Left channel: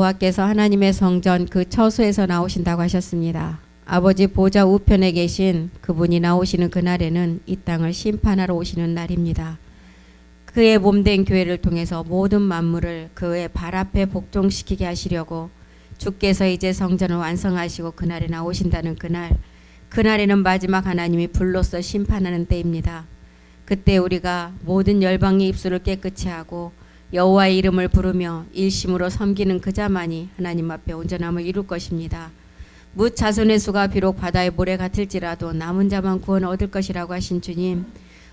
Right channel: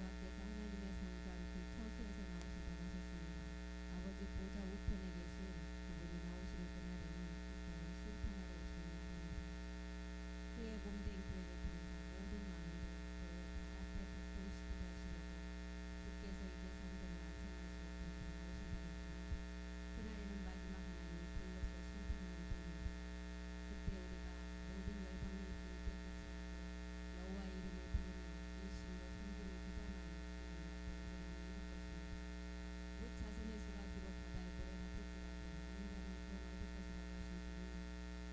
여호와께서 하나님의 성전 그 처소에서 나오신다고 하셨습니다. 아버지 보좌 우편에 계신 그분이 나오시는 그날에는 이 땅을 심판하러 오시는 날입니다. 그의 몸된 교회를 통해서 모든 만물을 그의 발 앞에 복종시키게 하시려고 주께서 이제 성전을 완성하시고 그날에 나오신다는 그날에는 마지막 하나님이 불로써 심판하는 때입니다. 그때 우리가 모든 열방의 입술을 깨끗이 하고 여호와의 이름을 부르며 일심으로 섬기는 그자만이 하나님 앞에 온전함을 이룰 것입니다. 뭇 자손의 수가 비록 바다의 모래 같을지라도 남은 자만 구원을 얻을 것이라고 하신 주님,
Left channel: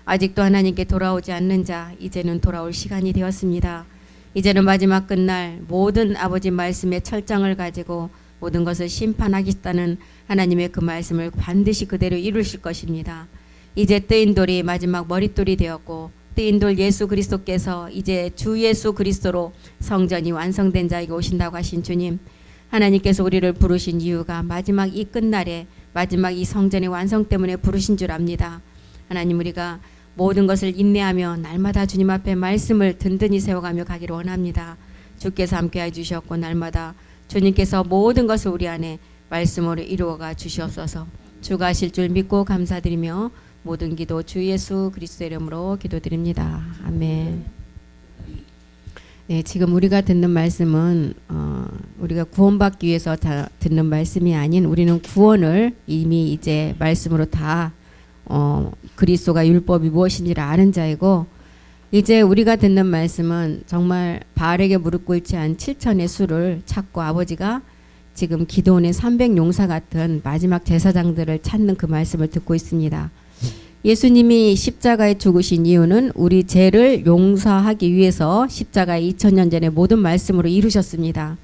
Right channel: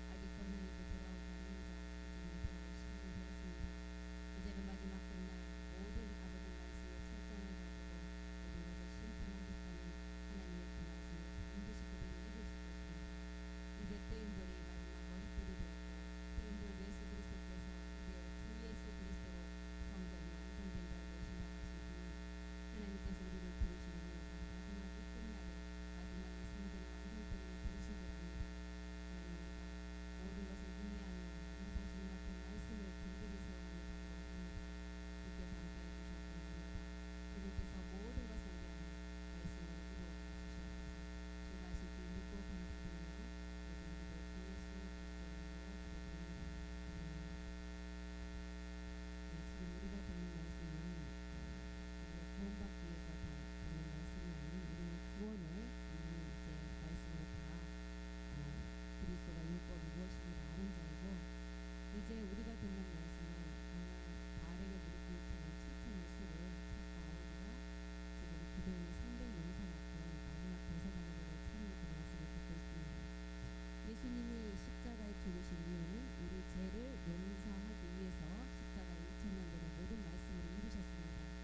아직도 하나님께 돌아오지 않는 자 이제는 돌아올 시간이 되었습니다. 이제는 마지막 끝날 모든 아버지 말씀의 철장을 가지고 모든 것을 심판하겠다는 하나님의 그 말씀을 반드시 그대로 이루실 것입니다. 이제 뜨인 돌이 마지막 머릿돌이 되었고 뜨인 돌 예수 그리스도께서 이제 주 예수 그리스도로 성전이 완성된 자에게 오신다고 하신 주님, 하나님께서 우리를 부르신 이유가 마지막 이 끝날에 마지막 이 성전의 완성 때문에 부르신 줄 압니다. 하나님, 우리가 모든 것을 인내하며 날마다 주님 앞에 말씀을 든든히 세워가며 가기를 원합니다. 주께서 함께해 주셨고 날마다 주님께서 모든 것을 우리 안에 말씀으로 이루어가 주시옵소서. 주가 하실 줄 믿고 감사드리며 모든 기도 주 예수 그리스도 이름으로 기도드립니다. 아멘. 네, 지금 우리가 듣는 말씀은 우리가 구원받기 위해서 듣는 말씀이 아닌, 우리는 구원을 이미 이제 말씀으로 다 그리스도가 율법이 무엇인지를 아는 자이고, 이제 우리가 듣는 말씀은 정말 바알에게 무릎 꿇지 않은 7천의 수를 찾고 아버지가 지금 기도원의 300용사 같은 마지막 제사장들을 찾는 그 말씀을 듣고 있습니다. 예수님이 십자가에 죽으신 이유는 우리 죄를 용서하기 위해서 십자가에 2000년 전에 모든 말씀으로 이루셨습니다.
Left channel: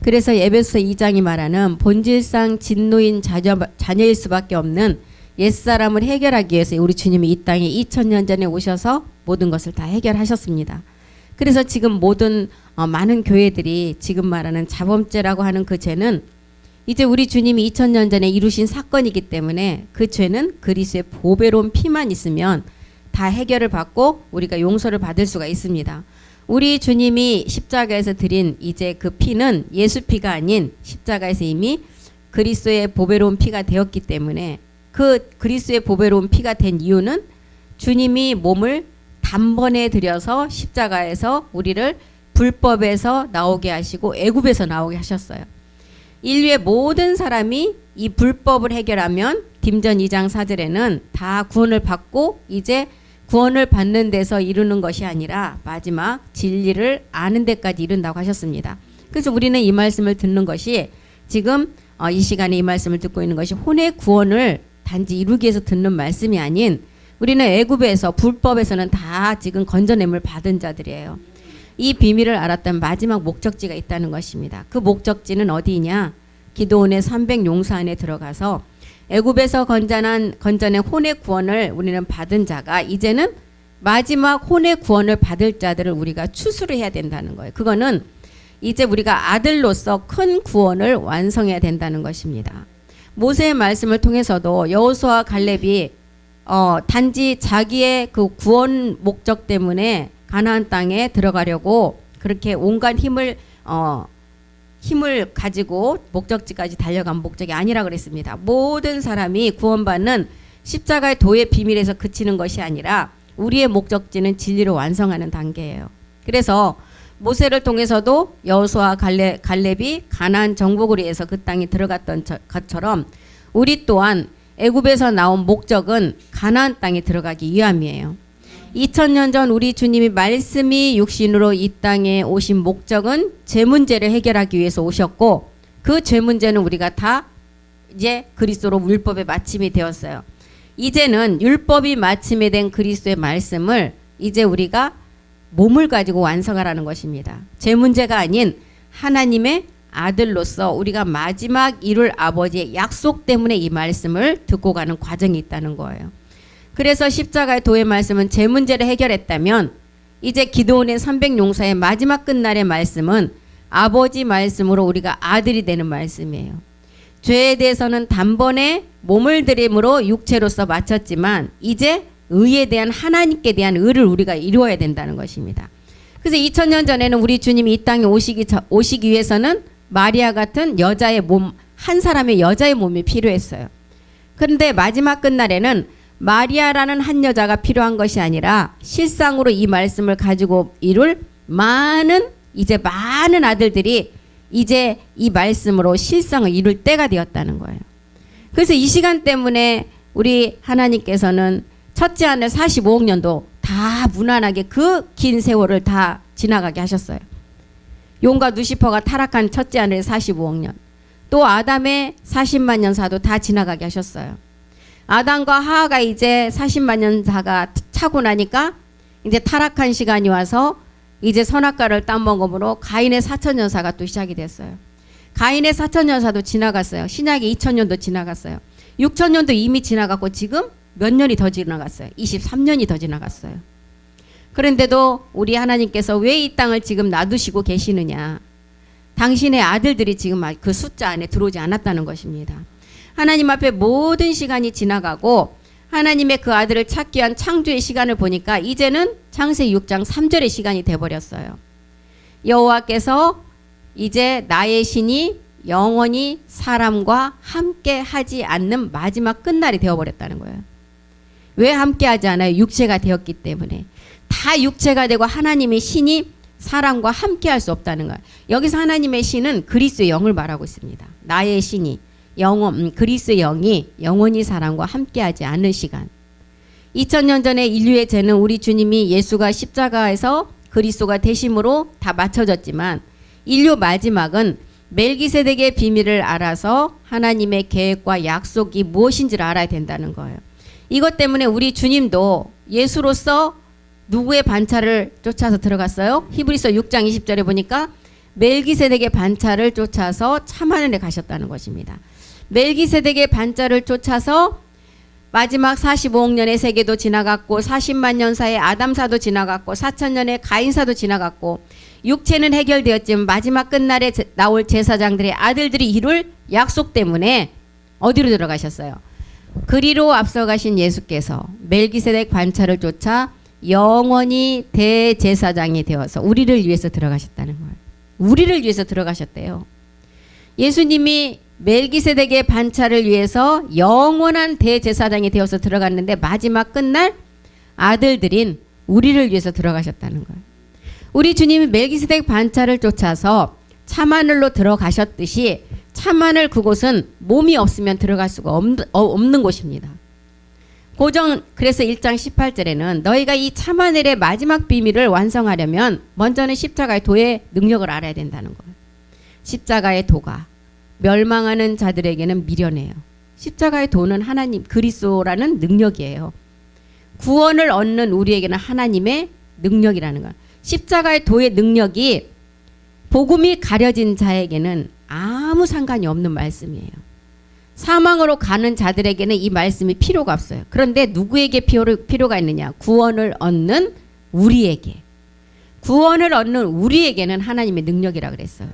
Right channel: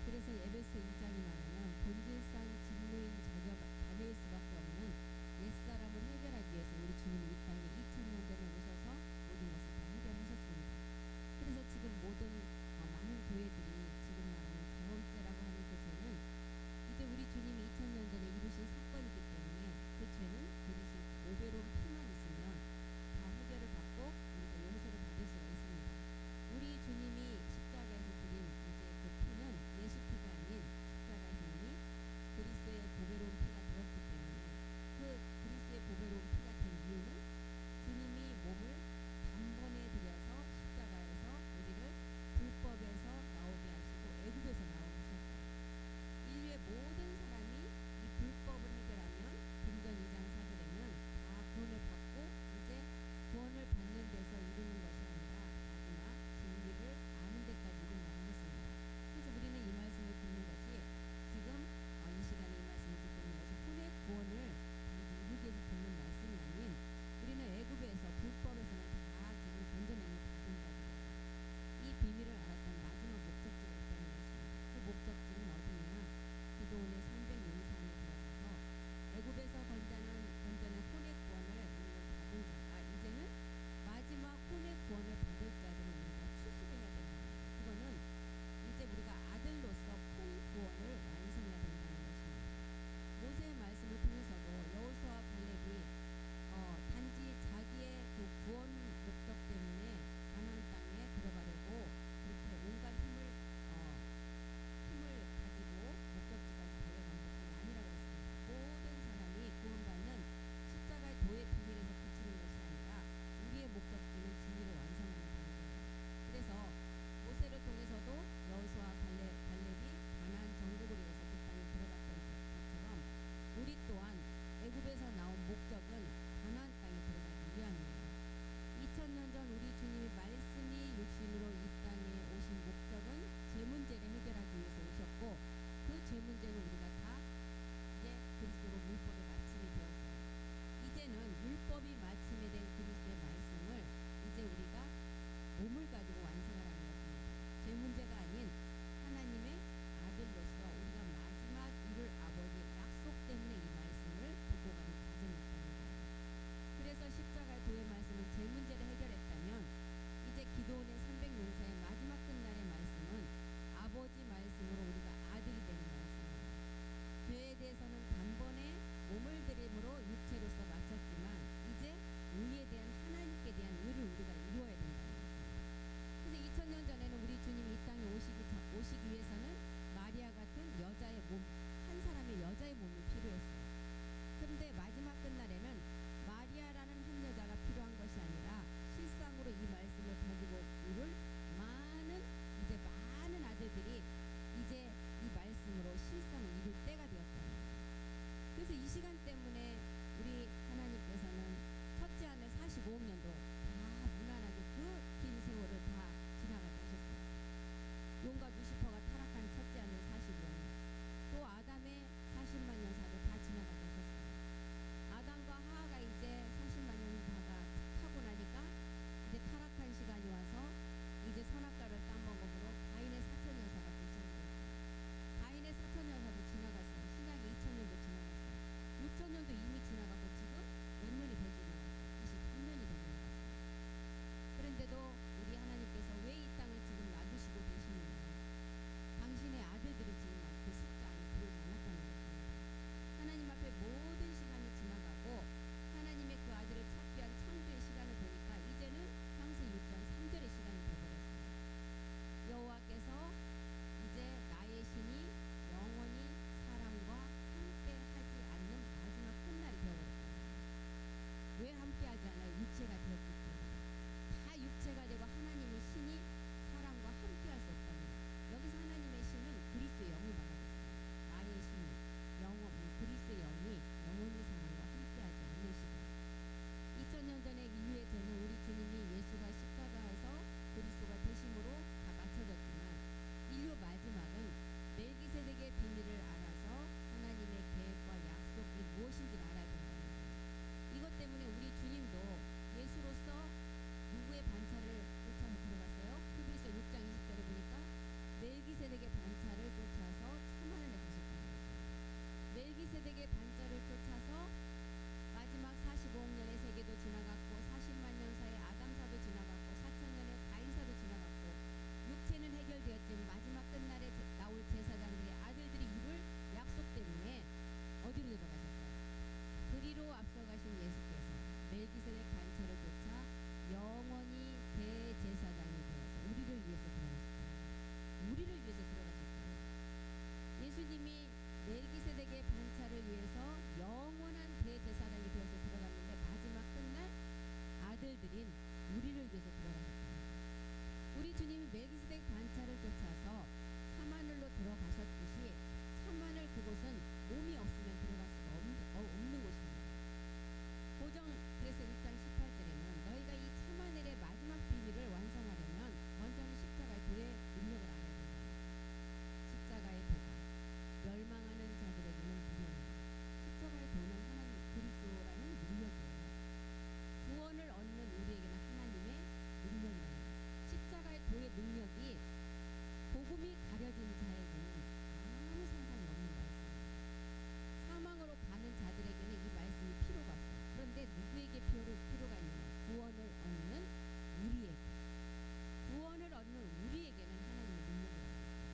그래서 에베소 2장이 말하는 본질상 진노인 자녀일 수밖에 없는 옛사람을 해결하기 위해서 우리 주님이 이 땅에 2000년 전에 오셔서 모든 것을 다 해결하셨습니다. 그래서 지금 모든 많은 교회들이 지금 말하는 자범죄라고 하는 그 죄는 이제 우리 주님이 2000년 전에 이루신 사건이기 때문에 그 죄는 그리스도의 보배로운 피만 있으면 다 해결을 받고 우리가 용서를 받을 수가 있습니다. 우리 주님이 십자가에서 드린 이제 그 피는 예수 피가 아닌 십자가에서 이미 그리스도의 보배로운 피가 되었기 때문에, 그 그리스도의 보배로운 피가 된 이유는 주님이 몸을 단번에 들여서 십자가에서 우리를 불법에서 나오게 하시고 애굽에서 나오게 하셨어요. 인류의 모든 사람이 이 불법을 해결하면 딤전 2장 4절에는 다 구원을 받고 이제 구원을 받는 데서 이루는 것이 아니라 마지막 진리를 아는 데까지 이른다고 하셨습니다. 그래서 우리는 이 말씀을 듣는 것이 지금 이 시간에 이 말씀을 듣고 있는 것이 혼의 구원을 단지 이루기 위해서 듣는 말씀이 아닌, 우리는 애굽에서 불법에서는 다 지금 건져냄을 받은 자들이에요. 이 비밀을 알았던 마지막 목적지가 있다는 것입니다. 그 목적지는 어디냐? 기도원의 300용사 안에 들어가서 애굽에서 건져낸 혼의 구원을 우리는 받은 자가 이제는 마지막 혼의 구원을 받을 자들을 우리가 추수를 해야 된다는 거예요. 그거는 이제 우리가 아들로서 큰 구원을 완성해야 된다는 것입니다. 모세의 말씀을 통해서도 여호수아와 갈렙이 단지 자기의 그 구원 목적 때문에 가나안 땅에 들어가려고 그렇게 온갖 힘을 가지고 목적지까지 달려간 목적이 아니라 그랬습니다. 모든 사람이 구원받는 십자가의 도의 비밀에서 그치는 것이 아니라 우리의 목적지는 진리로 완성하는 단계예요. 그래서 모세를 통해서도 여호수아와 갈렙이 가나안 정복을 위해서 그 땅에 들어갔던 것처럼 우리 또한 애굽에서 나온 목적은 가나안 땅에 들어가기 위함이에요. 2000년 전 우리 주님이 말씀이 육신으로 이 땅에 오신 목적은 죄 문제를 해결하기 위해서 오셨고, 그 죄 문제는 우리가 다 이제 그리스도로 율법의 마침이 되었어요. 이제는 율법이 마침이 된 그리스도의 말씀을 이제 우리가 몸을 가지고 완성하라는 것입니다. 죄 문제가 아닌 하나님의 아들로서 우리가 마지막 이룰 아버지의 약속 때문에 이 말씀을 듣고 가는 과정이 있다는 거예요. 그래서 십자가의 도의 말씀은 죄 문제를 해결했다면, 이제 기도원의 300용사의 마지막 끝날의 말씀은 아버지 말씀으로 우리가 아들이 되는 말씀이에요. 죄에 대해서는 단번에 몸을 들임으로 육체로서 마쳤지만 이제 의에 대한 하나님께 대한 의를 우리가 이루어야 된다는 것입니다. 그래서 2000년 전에는 우리 주님이 이 땅에 오시기 위해서는 마리아 같은 여자의 몸, 한 사람의 여자의 몸이 필요했어요. 그런데 마지막 끝날에는 마리아라는 한 여자가 필요한 것이 아니라 실상으로 이 말씀을 가지고 이룰 많은 아들들이 이제 이 말씀으로 실상을 이룰 때가 되었다는 거예요. 그래서 이 시간 때문에 우리 하나님께서는 첫째 하늘 45억 년도 다 무난하게 그 긴 세월을 다 지나가게 하셨어요. 용과 누시퍼가 타락한 첫째 하늘 45억 년, 또 아담의 40만 년사도 다 지나가게 하셨어요. 아담과 하하가 이제 40만 년사가 차고 나니까 이제 타락한 시간이 와서 이제 선악과를 따먹음으로 가인의 4천년사가 또 시작이 됐어요. 가인의 4천년사도 지나갔어요. 신약의 2000년도 지나갔어요. 6000년도 이미 지나갔고 지금 몇 년이 더 지나갔어요. 23년이 더 지나갔어요. 그런데도 우리 하나님께서 왜 이 땅을 지금 놔두시고 계시느냐. 당신의 아들들이 지금 그 숫자 안에 들어오지 않았다는 것입니다. 하나님 앞에 모든 시간이 지나가고 하나님의 그 아들을 찾기 위한 창조의 시간을 보니까 이제는 창세기 6장 3절의 시간이 돼버렸어요. 여호와께서 이제 나의 신이 영원히 사람과 함께 하지 않는 마지막 끝날이 되어버렸다는 거예요. 왜 함께 하지 않아요? 육체가 되었기 때문에. 다 육체가 되고 하나님의 신이 사람과 함께 할 수 없다는 거예요. 여기서 하나님의 신은 그리스도의 영을 말하고 있습니다. 나의 신이 그리스도의 영이 영원히 사람과 함께 하지 않을 시간. 2000년 전에 인류의 죄는 우리 주님이 예수가 십자가에서 그리스도가 되심으로 다 맞춰졌지만 인류 마지막은 멜기세덱의 비밀을 알아서 하나님의 계획과 약속이 무엇인지를 알아야 된다는 거예요. 이것 때문에 우리 주님도 예수로서 누구의 반차를 쫓아서 들어갔어요? 히브리서 6장 20절에 보니까 멜기세덱의 반차를 쫓아서 참하늘에 가셨다는 것입니다. 멜기세덱의 반차를 쫓아서 마지막 45억 년의 세계도 지나갔고 40만 년사의 아담사도 지나갔고 4천년의 가인사도 지나갔고 육체는 해결되었지만 마지막 끝날에 나올 제사장들의 아들들이 이룰 약속 때문에 어디로 들어가셨어요? 그리로 앞서가신 예수께서 멜기세덱 반차를 쫓아 영원히 대제사장이 되어서 우리를 위해서 들어가셨다는 거예요. 우리를 위해서 들어가셨대요. 예수님이 멜기세덱의 반차를 위해서 영원한 대제사장이 되어서 들어갔는데 마지막 끝날 아들들인 우리를 위해서 들어가셨다는 거예요. 우리 주님이 멜기세덱 반차를 쫓아서 참하늘로 들어가셨듯이 참하늘 그곳은 몸이 없으면 들어갈 수가 없는 곳입니다. 그래서 1장 18절에는 너희가 이 참하늘의 마지막 비밀을 완성하려면 먼저는 십자가의 도의 능력을 알아야 된다는 거예요. 십자가의 도가 멸망하는 자들에게는 미련해요. 십자가의 도는 하나님 그리스도라는 능력이에요. 구원을 얻는 우리에게는 하나님의 능력이라는 거예요. 십자가의 도의 능력이 복음이 가려진 자에게는 아무 상관이 없는 말씀이에요. 사망으로 가는 자들에게는 이 말씀이 필요가 없어요. 그런데 누구에게 필요가 있느냐? 구원을 얻는 우리에게. 구원을 얻는 우리에게는 하나님의 능력이라 그랬어요.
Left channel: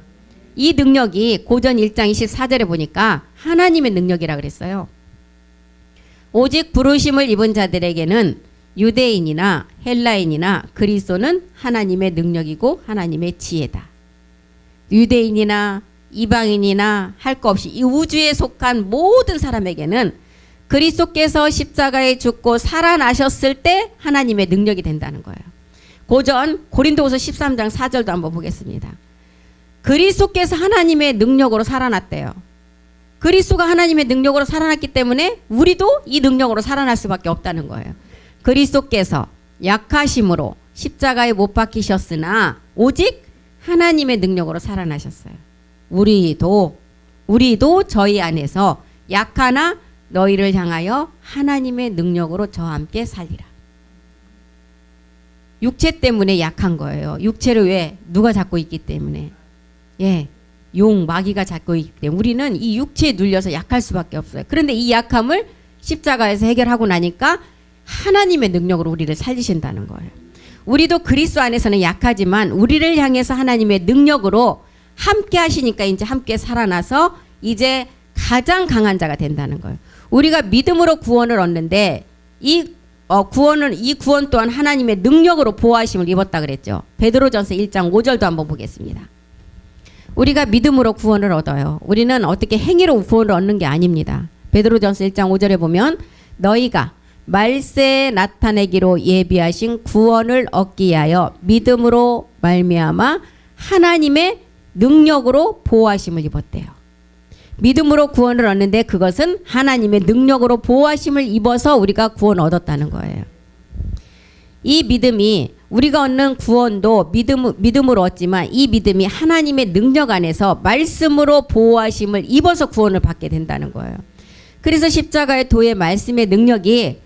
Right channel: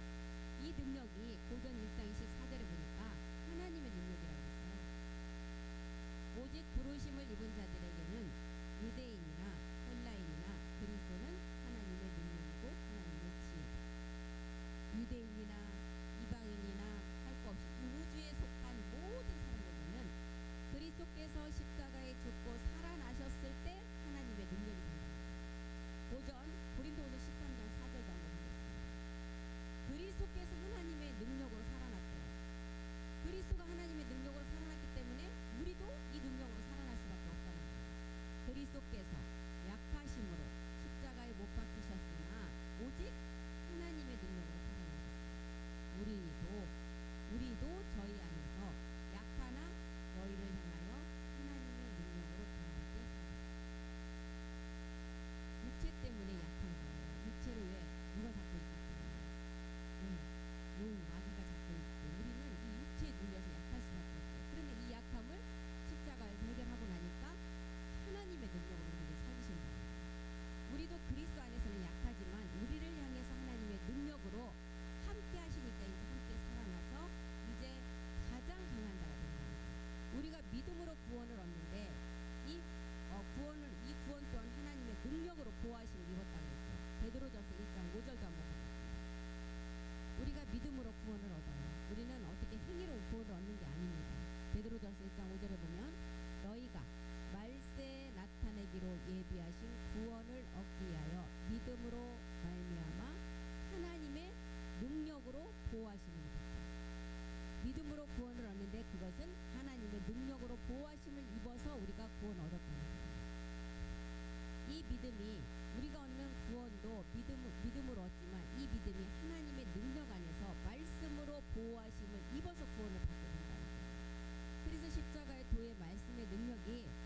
이 능력이 고전 1장 24절에 보니까 하나님의 능력이라 그랬어요. 오직 부르심을 입은 자들에게는 유대인이나 헬라인이나 그리스도는 하나님의 능력이고 하나님의 지혜다. 유대인이나 이방인이나 할 것 없이 이 우주에 속한 모든 사람에게는 그리스도께서 십자가에 죽고 살아나셨을 때 하나님의 능력이 된다는 거예요. 고전 고린도후서 13장 4절도 한번 보겠습니다. 그리스도께서 하나님의 능력으로 살아났대요. 그리스도가 하나님의 능력으로 살아났기 때문에 우리도 이 능력으로 살아날 수밖에 없다는 거예요. 그리스도께서 약하심으로 십자가에 못 박히셨으나 오직 하나님의 능력으로 살아나셨어요. 우리도 저희 안에서 약하나 너희를 향하여 하나님의 능력으로 저와 함께 살리라. 육체 때문에 약한 거예요. 육체를 왜? 누가 잡고 있기 때문에. 마귀가 잡고 있기 때문에 우리는 이 육체에 눌려서 약할 수밖에 없어요. 그런데 이 약함을 십자가에서 해결하고 나니까 하나님의 능력으로 우리를 살리신다는 거예요. 우리도 그리스도 안에서는 약하지만 우리를 향해서 하나님의 능력으로 함께 하시니까 이제 함께 살아나서 이제 가장 강한 자가 된다는 거예요. 우리가 믿음으로 구원을 얻는데 이 이 구원 또한 하나님의 능력으로 보호하심을 입었다 그랬죠. 베드로전서 1장 5절도 한번 보겠습니다. 우리가 믿음으로 구원을 얻어요. 우리는 어떻게 행위로 구원을 얻는 게 아닙니다. 베드로전서 1장 5절에 보면 너희가 말세에 나타내기로 예비하신 구원을 얻기 위하여 믿음으로 말미암아 하나님의 능력으로 보호하심을 입었대요. 믿음으로 구원을 얻는데 그것은 하나님의 능력으로 보호하심을 입어서 우리가 구원을 얻었다는 거예요. 이 믿음이 우리가 얻는 구원도 믿음으로 얻지만 이 믿음이 하나님의 능력 안에서 말씀으로 보호하심을 입어서 구원을 받게 된다는 거예요. 그래서 십자가의 도의 말씀의 능력이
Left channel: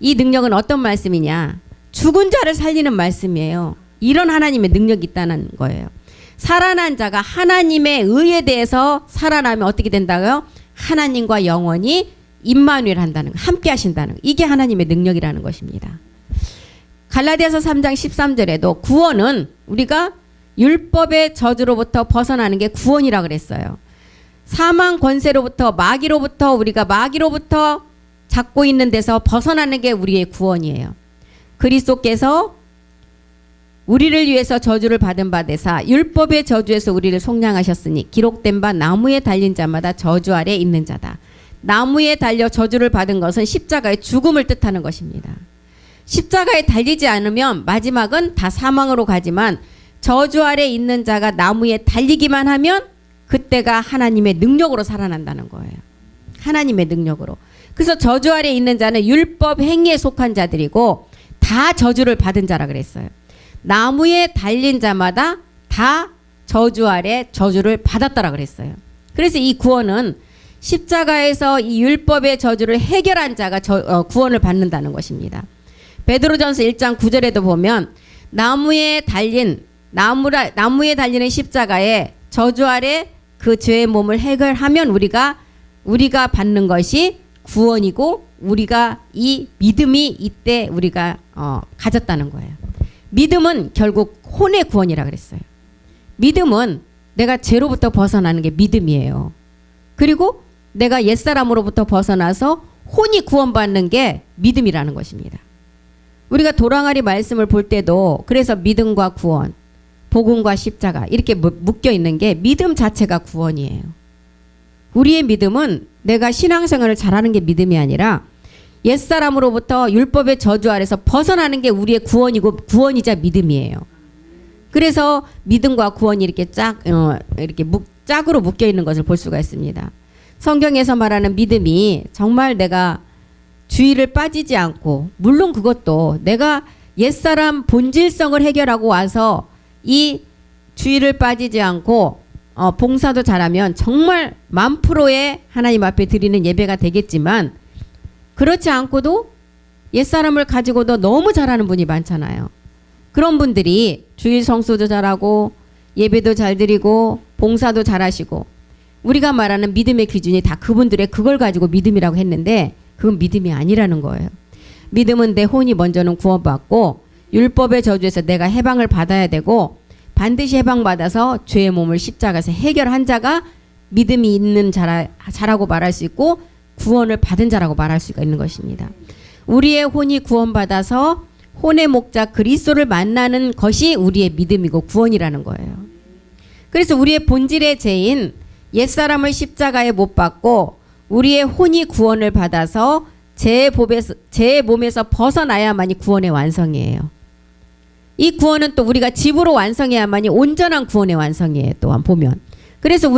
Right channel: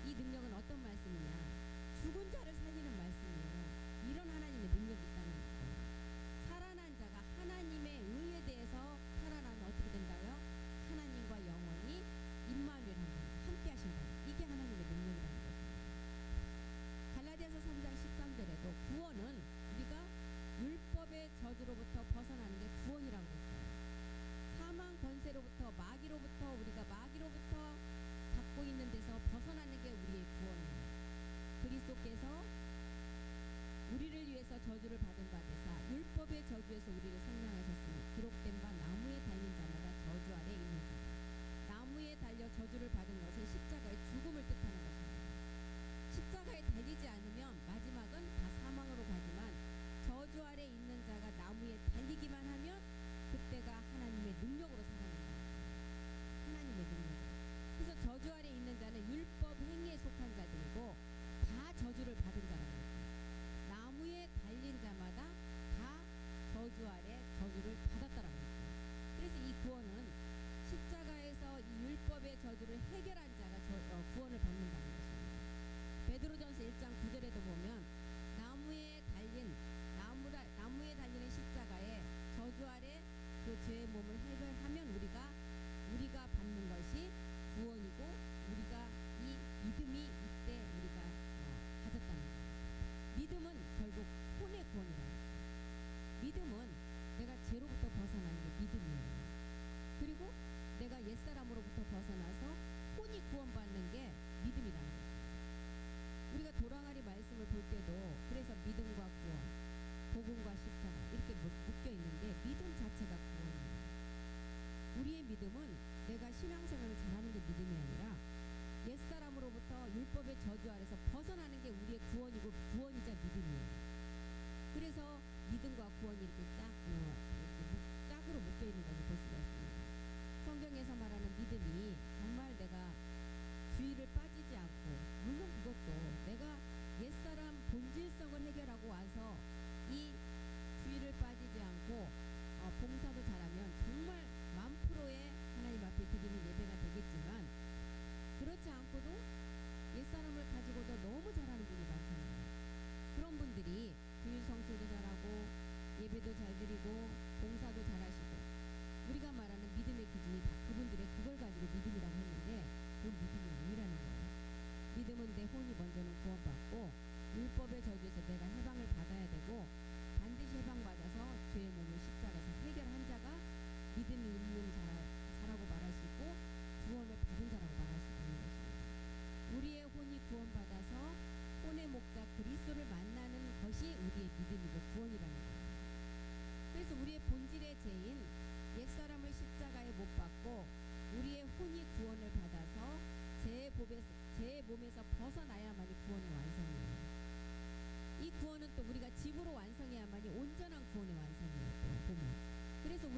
이 능력은 어떤 말씀이냐? 죽은 자를 살리는 말씀이에요. 이런 하나님의 능력이 있다는 거예요. 살아난 자가 하나님의 의에 대해서 살아나면 어떻게 된다고요? 하나님과 영원히 임마누엘 한다는 거, 함께 하신다는 거. 이게 하나님의 능력이라는 것입니다. 갈라디아서 3장 13절에도 구원은 우리가 율법의 저주로부터 벗어나는 게 구원이라고 그랬어요. 사망 권세로부터 우리가 마귀로부터 잡고 있는 데서 벗어나는 게 우리의 구원이에요. 그리스도께서 우리를 위해서 저주를 받은 바 되사 율법의 저주에서 우리를 속량하셨으니 기록된 바 나무에 달린 자마다 저주 아래 있는 자다. 나무에 달려 저주를 받은 것은 십자가의 죽음을 뜻하는 것입니다. 십자가에 달리지 않으면 마지막은 다 사망으로 가지만 저주 아래 있는 자가 나무에 달리기만 하면 그때가 하나님의 능력으로 살아난다는 거예요. 하나님의 능력으로. 그래서 저주 아래 있는 자는 율법 행위에 속한 자들이고 다 저주를 받은 자라 그랬어요. 나무에 달린 자마다 다 저주 아래 저주를 받았다라 그랬어요. 그래서 이 구원은 십자가에서 이 율법의 저주를 해결한 자가 구원을 받는다는 것입니다. 베드로전서 1장 9절에도 보면 나무에 달리는 십자가에 저주 아래 그 죄의 몸을 해결하면 우리가 받는 것이 구원이고 우리가 이 믿음이 이때 우리가 가졌다는 거예요. 믿음은 결국 혼의 구원이라 그랬어요. 믿음은 내가 죄로부터 벗어나는 게 믿음이에요. 그리고 내가 옛사람으로부터 벗어나서 혼이 구원받는 게 믿음이라는 것입니다. 우리가 도랑아리 말씀을 볼 때도 그래서 믿음과 구원, 복음과 십자가 이렇게 묶여 있는 게 믿음 자체가 구원이에요. 우리의 믿음은 내가 신앙생활을 잘하는 게 믿음이 아니라 옛사람으로부터 율법의 저주 아래서 벗어나는 게 우리의 구원이고 구원이자 믿음이에요. 그래서 믿음과 구원이 이렇게 짝으로 묶여 있는 것을 볼 수가 있습니다. 성경에서 말하는 믿음이 정말 내가 주의를 빠지지 않고 물론 그것도 내가 옛사람 본질성을 해결하고 와서 이 주의를 빠지지 않고 봉사도 잘하면 정말 1000%의 하나님 앞에 드리는 예배가 되겠지만 그렇지 않고도 옛사람을 가지고도 너무 잘하는 분이 많잖아요. 그런 분들이 주일 성수도 잘하고 예배도 잘 드리고 봉사도 잘하시고 우리가 말하는 믿음의 기준이 다 그분들의 그걸 가지고 믿음이라고 했는데 그건 믿음이 아니라는 거예요. 믿음은 내 혼이 먼저는 구원받고 율법의 저주에서 내가 해방을 받아야 되고 반드시 해방받아서 죄의 몸을 십자가에서 해결한 자가 믿음이 있는 자라고 말할 수 있고 구원을 받은 자라고 말할 수가 있는 것입니다. 우리의 혼이 구원받아서 혼의 목자 그리스도를 만나는 것이 우리의 믿음이고 구원이라는 거예요. 그래서 우리의 본질의 죄인 옛사람을 십자가에 못 박고 우리의 혼이 구원을 받아서 죄의 몸에서 벗어나야만이 구원의 완성이에요. 이 구원은 또 우리가 집으로 완성해야만이 온전한 구원의 완성이에요. 또한 보면. 그래서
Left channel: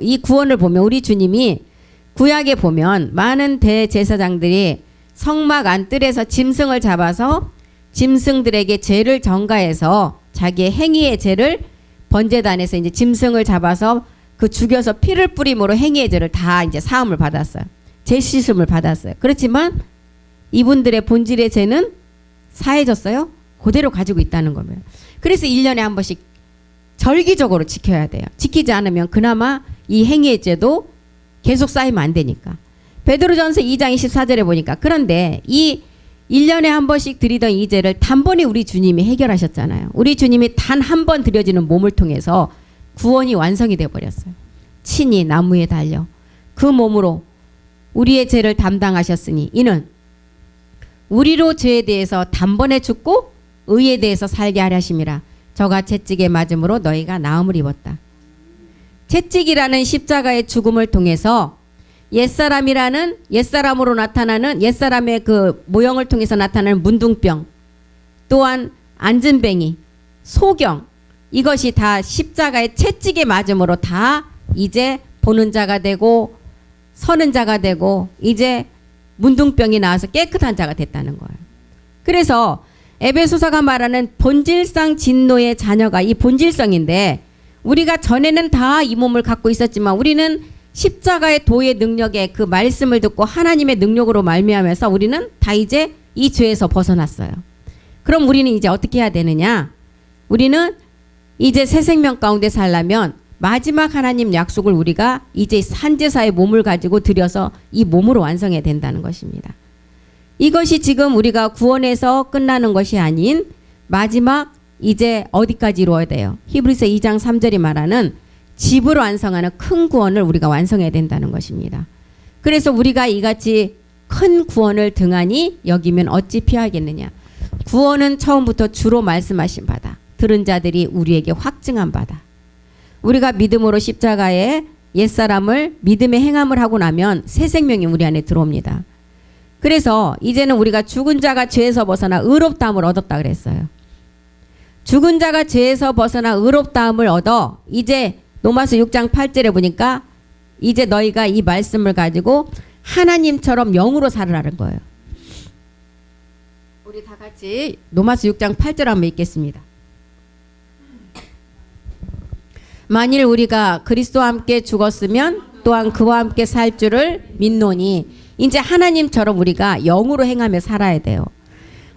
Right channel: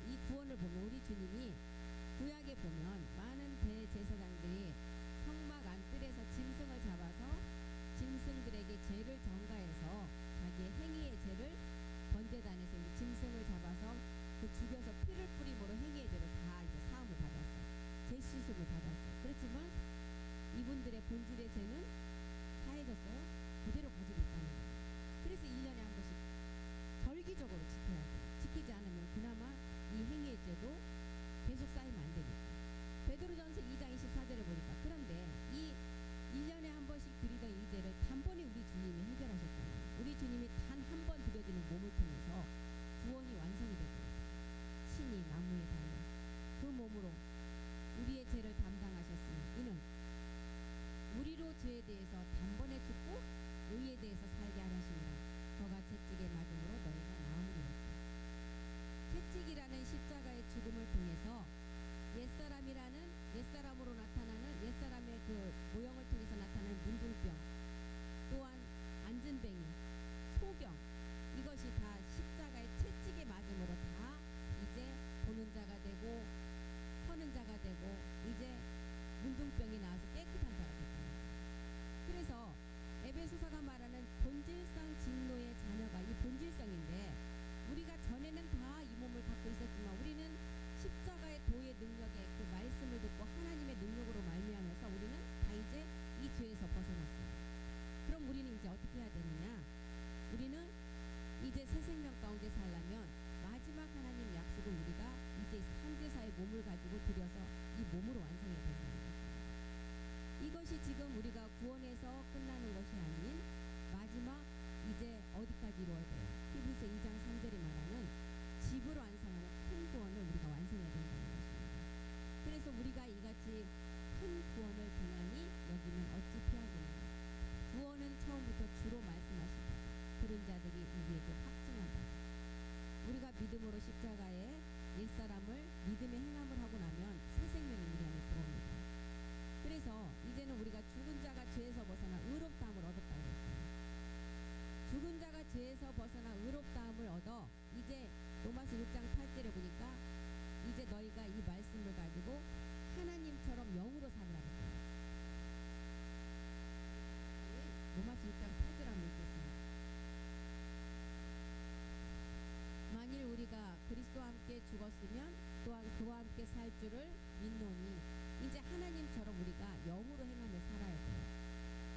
이 구원을 보면 우리 주님이 구약에 보면 많은 대제사장들이 성막 안뜰에서 짐승을 잡아서 짐승들에게 죄를 전가해서 자기의 행위의 죄를 번제단에서 이제 짐승을 잡아서 그 죽여서 피를 뿌림으로 행위의 죄를 다 이제 사함을 받았어요. 죄 씻음을 받았어요. 그렇지만 이분들의 본질의 죄는 사해졌어요. 그대로 가지고 있다는 겁니다. 그래서 1년에 한 번씩 절기적으로 지켜야 돼요. 지키지 않으면 그나마 이 행위의 죄도 계속 쌓이면 안 되니까. 베드로전서 2장 24절에 보니까 그런데 이 1년에 한 번씩 드리던 이 죄를 단번에 우리 주님이 해결하셨잖아요. 우리 주님이 단 한 번 드려지는 몸을 통해서 구원이 완성이 되어버렸어요. 친히 나무에 달려 그 몸으로 우리의 죄를 담당하셨으니 이는 우리로 죄에 대해서 단번에 죽고 의에 대해서 살게 하려 하심이라. 저가 채찍에 맞음으로 너희가 나음을 입었다. 채찍이라는 십자가의 죽음을 통해서 옛사람이라는 옛사람으로 나타나는 옛사람의 그 모형을 통해서 나타나는 문둥병, 또한 안진뱅이, 소경, 이것이 다 십자가의 채찍에 맞음으로 다 이제 보는 자가 되고 서는 자가 되고 이제 문둥병이 나와서 깨끗한 자가 됐다는 거예요. 그래서 에베소서가 말하는 본질상 진노의 자녀가 이 본질성인데, 우리가 전에는 다 이 몸을 갖고 있었지만 우리는 십자가의 도의 능력에 그 말씀을 듣고 하나님의 능력으로 말미암아서 우리는 다 이제 이 죄에서 벗어났어요. 그럼 우리는 이제 어떻게 해야 되느냐? 우리는 이제 새 생명 가운데 살려면 마지막 하나님 약속을 우리가 이제 산제사의 몸을 가지고 들여서 이 몸으로 완성해야 된다는 것입니다. 이것이 지금 우리가 구원에서 끝나는 것이 아닌 마지막 이제 어디까지 이루어야 돼요? 히브리서 2장 3절이 말하는 집을 완성하는 큰 구원을 우리가 완성해야 된다는 것입니다. 그래서 우리가 이같이 큰 구원을 등한히 여기면 어찌 피하겠느냐? 구원은 처음부터 주로 말씀하신 바다. 들은 자들이 우리에게 확증한 바다. 우리가 믿음으로 십자가에 옛사람을 믿음의 행함을 하고 나면 새 생명이 우리 안에 들어옵니다. 그래서 이제는 우리가 죽은 자가 죄에서 벗어나 의롭다함을 얻었다 그랬어요. 죽은 자가 죄에서 벗어나 의롭다함을 얻어 이제 로마서 6장 8절에 보니까 이제 너희가 이 말씀을 가지고 하나님처럼 영으로 살으라는 거예요. 우리 다 같이 로마서 6장 8절 한번 읽겠습니다. 만일 우리가 그리스도와 함께 죽었으면 또한 그와 함께 살 줄을 믿노니, 이제 하나님처럼 우리가 영으로 행하며 살아야 돼요.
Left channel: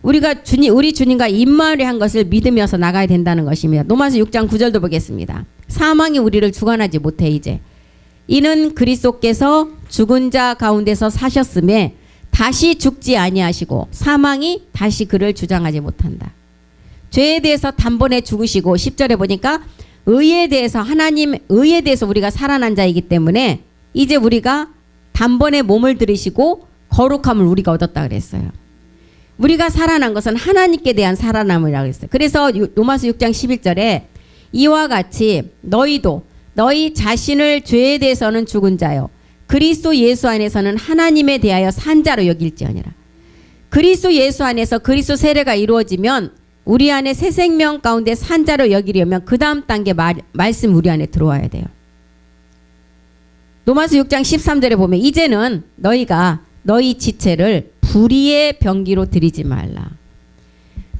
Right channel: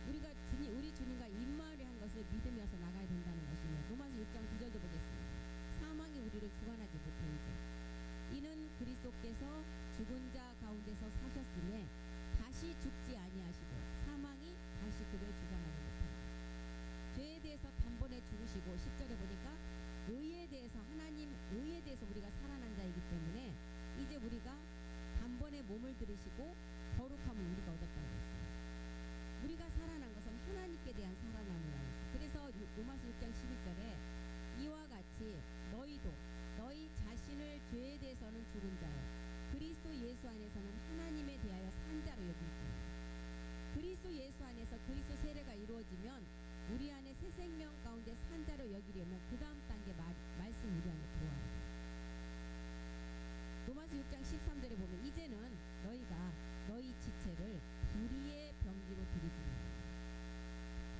우리가 우리 주님과 임마누엘 한 것을 믿으면서 나가야 된다는 것입니다. 로마서 6장 9절도 보겠습니다. 사망이 우리를 주관하지 못해 이제. 이는 그리스도께서 죽은 자 가운데서 사셨음에 다시 죽지 아니하시고 사망이 다시 그를 주장하지 못한다. 죄에 대해서 단번에 죽으시고 10절에 보니까 의에 대해서 하나님 의에 대해서 우리가 살아난 자이기 때문에 이제 우리가 단번에 몸을 들이시고 거룩함을 우리가 얻었다 그랬어요. 우리가 살아난 것은 하나님께 대한 살아남이라고 했어요. 그래서 로마서 6장 11절에 이와 같이 너희도 너희 자신을 죄에 대해서는 죽은 자요 그리스도 예수 안에서는 하나님에 대하여 산 자로 여길지어니라. 그리스도 예수 안에서 그리스도 세례가 이루어지면 우리 안에 새 생명 가운데 산 자로 여기려면 그 다음 단계 말씀 우리 안에 들어와야 돼요. 로마서 6장 13절에 보면 이제는 너희가 너희 지체를 불의의 병기로 드리지 말라.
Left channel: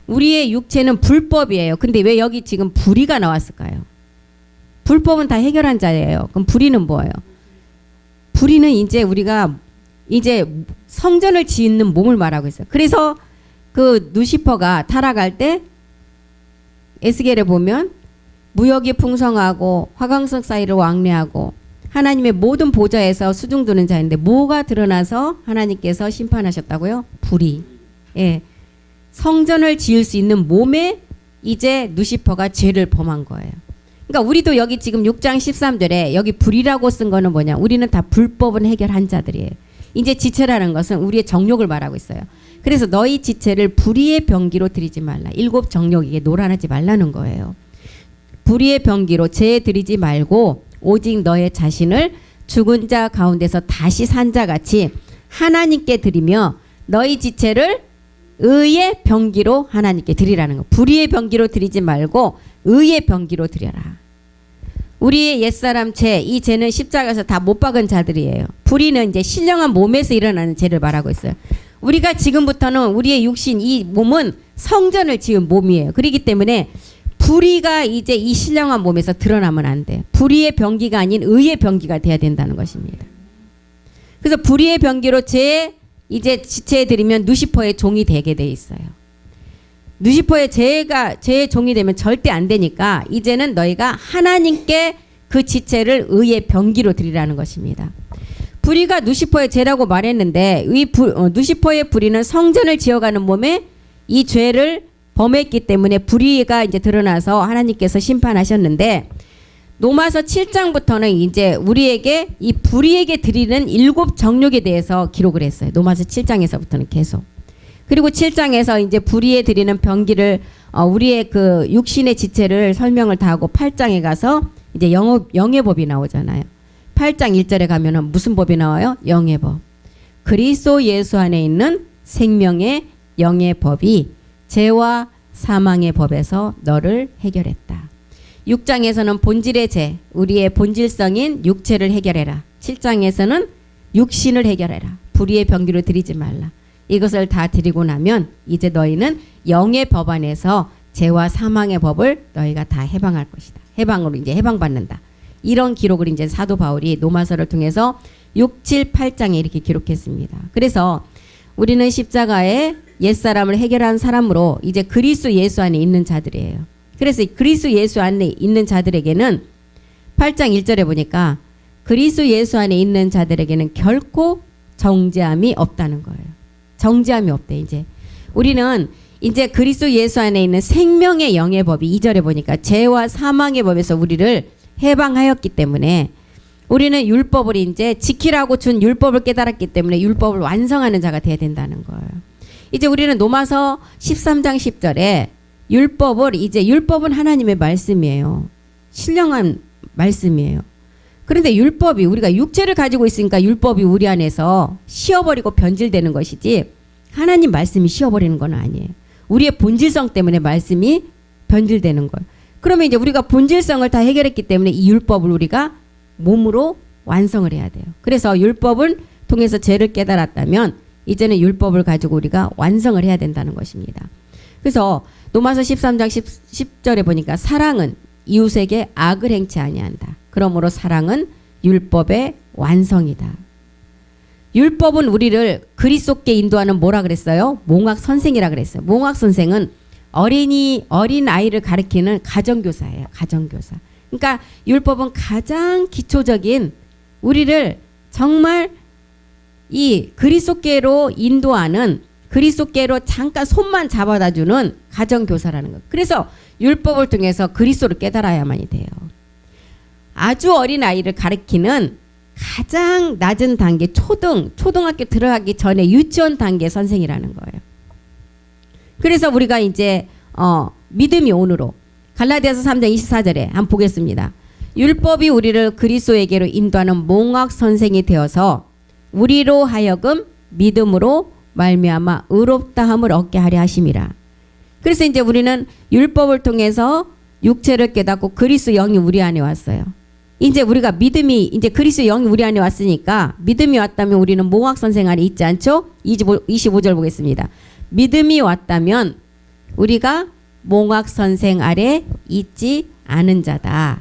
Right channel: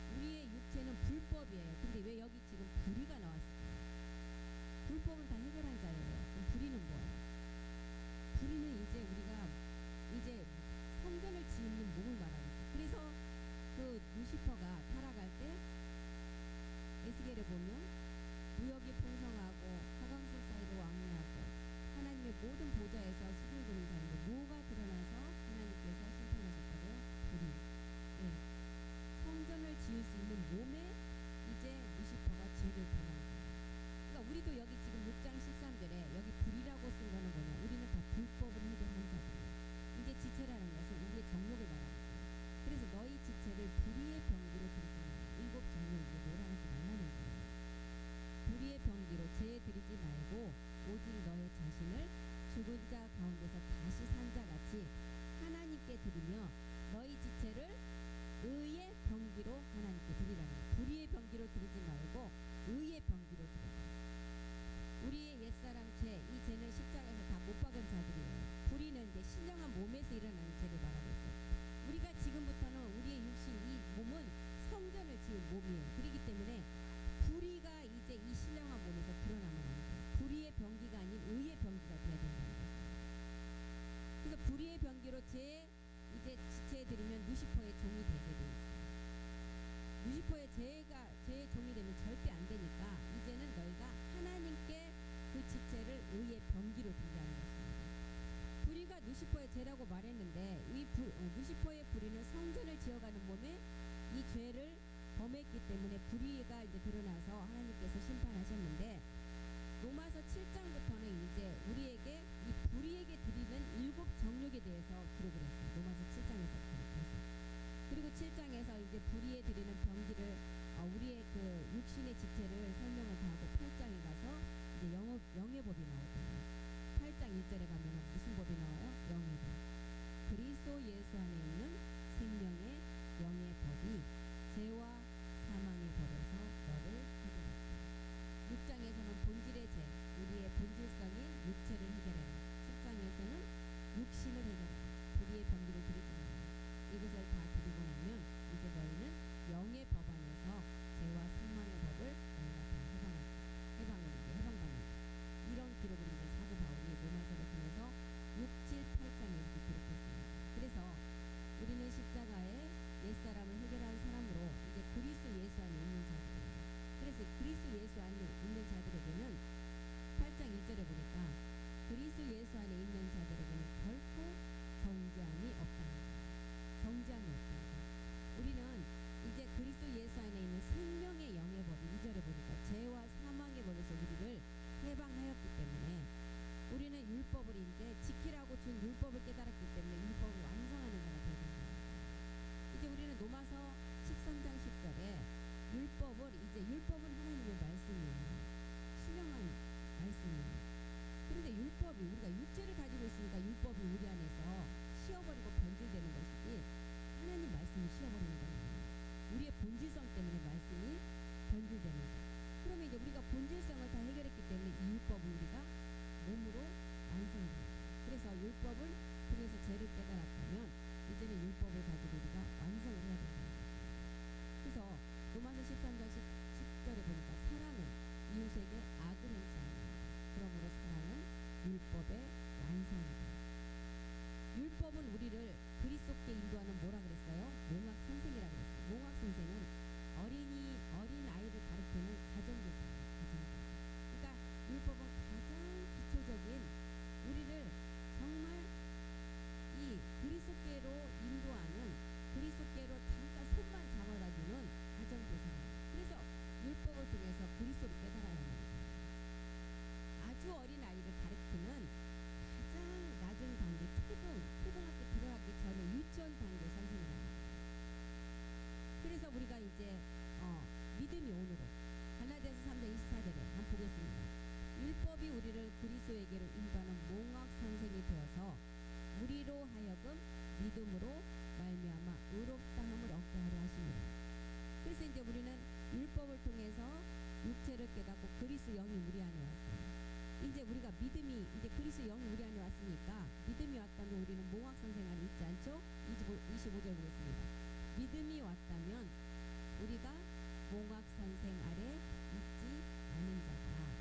우리의 육체는 불법이에요. 근데 왜 여기 지금 불의가 나왔을까요? 불법은 다 해결한 자예요. 그럼 불의는 뭐예요? 불의는 이제 우리가 이제 성전을 짓는 몸을 말하고 있어요. 그래서 그 누시퍼가 타락할 때 에스겔에 보면 무역이 풍성하고 화강석 사이를 왕래하고 하나님의 모든 보좌에서 수중두는 자인데 뭐가 드러나서 하나님께서 심판하셨다고요? 불의. 예. 성전을 지을 수 있는 몸에 이제 누시퍼가 죄를 범한 거예요. 그러니까 우리도 여기 지금 6장 13절에 여기 불의라고 쓴 거는 뭐냐? 우리는 다 불법은 해결한 자들이에요. 이제 지체라는 것은 우리의 정욕을 말하고 있어요. 그래서 너희 지체를 불의의 병기로 드리지 말라. 일곱 정욕에게 노란하지 말라는 거예요. 불의의 병기로 죄에 드리지 말고 오직 너의 자신을 죽은 자 가운데서 다시 산 자같이 하나님께 드리며 너희 지체를 의의 병기로 하나님께 드리라는 거. 불의의 병기로 드리지 말고 의의 병기로 드려라. 우리의 옛사람 죄, 이 죄는 십자가에서 다 못 박은 자들이에요. 불의는 이제 신령한 몸에서 일어나는 죄를 말하고 있어요. 우리가 지금부터는 우리의 육신, 이 몸은 성전을 지은 몸이에요. 그렇기 때문에 불의가 이제 이 신령한 몸에서 드러나면 안 돼요. 불의의 병기가 아닌 의의 병기가 돼야 된다는 것입니다. 그래서 불의의 병기로 이제 지체해 드리면 누시퍼의 종이 되게 돼 있어요. 누시퍼의 죄의 종이 되면 절대 안 되니까 이제는 너희가 하나님께 그 지체를 의의 병기로 드리라는 것입니다. 불의가 누시퍼의 죄라고 말했는데 누시퍼의 불의는 성전을 지어가는 몸에 이 죄를 범했기 때문에 불의가 이제 드러나서 하나님께서 심판하셨는데 로마서 7장부터는 이제 우리에게 이 불의에게 드리는 일곱 정욕에 대해서 기록을 했어요. 로마서 7장에서부터는 계속. 그리고 7장에서 이제 불의에 드리는 병기를 우리의 그 육신의 지체를 설명을 다 하고 8장에 가서 이제 영의 법이 나오잖아요. 8장 1절에 가면은 무슨 법이 나와요? 영의 법. 그리스도 예수 안에 있는 생명의 영의 법이 죄와 사망의 법에서 너를 해결했다. 6장에서는 본질의 죄, 우리의 본질성인 육체를 해결해라. 7장에서는 육신을 해결해라. 불의의 병기를 드리지 말라. 이것을 다 드리고 나면 이제 너희는 영의 법 안에서 죄와 사망의 법을 너희가 다 해방할 것이다. 해방으로 이제 해방받는다. 이런 기록을 이제 사도 바울이 로마서를 통해서 6, 7, 8장에 이렇게 기록했습니다. 그래서 우리는 십자가에 옛사람을 해결한 사람으로 이제 그리스도 예수 안에 있는 자들이에요. 그래서 그리스도 예수 안에 있는 자들에게는 8장 1절에 보니까 그리스도 예수 안에 있는 자들에게는 결코 정죄함이 없다는 거예요. 정죄함이 없대. 이제 우리는 이제 그리스도 예수 안에 있는 생명의 영의 법이 2절에 보니까 죄와 사망의 법에서 우리를 해방하였기 때문에 우리는 율법을 이제 지키라고 준 율법을 깨달았기 때문에 율법을 완성하는 자가 돼야 된다는 거예요. 이제 우리는 로마서 13장 10절에 율법은 하나님의 말씀이에요. 신령한 말씀이에요. 그런데 율법이 우리가 육체를 가지고 있으니까 율법이 우리 안에서 쉬어버리고 변질되는 것이지 하나님 말씀이 쉬어버리는 건 아니에요. 우리의 본질성 때문에 말씀이 변질되는 거예요. 그러면 이제 우리가 본질성을 다 해결했기 때문에 이 율법을 우리가 몸으로 완성을 해야 돼요. 그래서 율법을 통해서 죄를 깨달았다면 이제는 율법을 가지고 우리가 완성을 해야 된다는 것입니다. 그래서 로마서 13장 10절에 보니까 사랑은 이웃에게 악을 행치 아니한다. 그러므로 사랑은 율법의 완성이다. 율법은 우리를 그리스도께 인도하는 뭐라 그랬어요? 몽학 선생이라 그랬어요. 몽학 선생은 어린 아이를 가르치는 가정교사예요. 가정교사. 그러니까 율법은 가장 기초적인 우리를 정말 이 그리스도께로 인도하는 그리스도께로 잠깐 손만 잡아다 주는 가정교사라는 거예요. 그래서 율법을 통해서 그리스도를 깨달아야만이 돼요. 아주 어린 아이를 가르치는 가장 낮은 단계 초등학교 들어가기 전에 유치원 단계 선생이라는 거예요. 그래서 우리가 이제 믿음이 온으로 갈라디아서 3장 24절에 한번 보겠습니다. 율법이 우리를 그리스도에게로 인도하는 몽학 선생이 되어서 우리로 하여금 믿음으로 말미암아 의롭다함을 얻게 하려 하심이라. 그래서 이제 우리는 율법을 통해서 육체를 깨닫고 그리스도 영이 우리 안에 왔어요. 이제 우리가 믿음이 이제 그리스도 영이 우리 안에 왔으니까 믿음이 왔다면 우리는 몽학 선생 안에 있지 않죠? 25절 보겠습니다. 믿음이 왔다면 우리가 몽학 선생 아래 있지 않은 자다.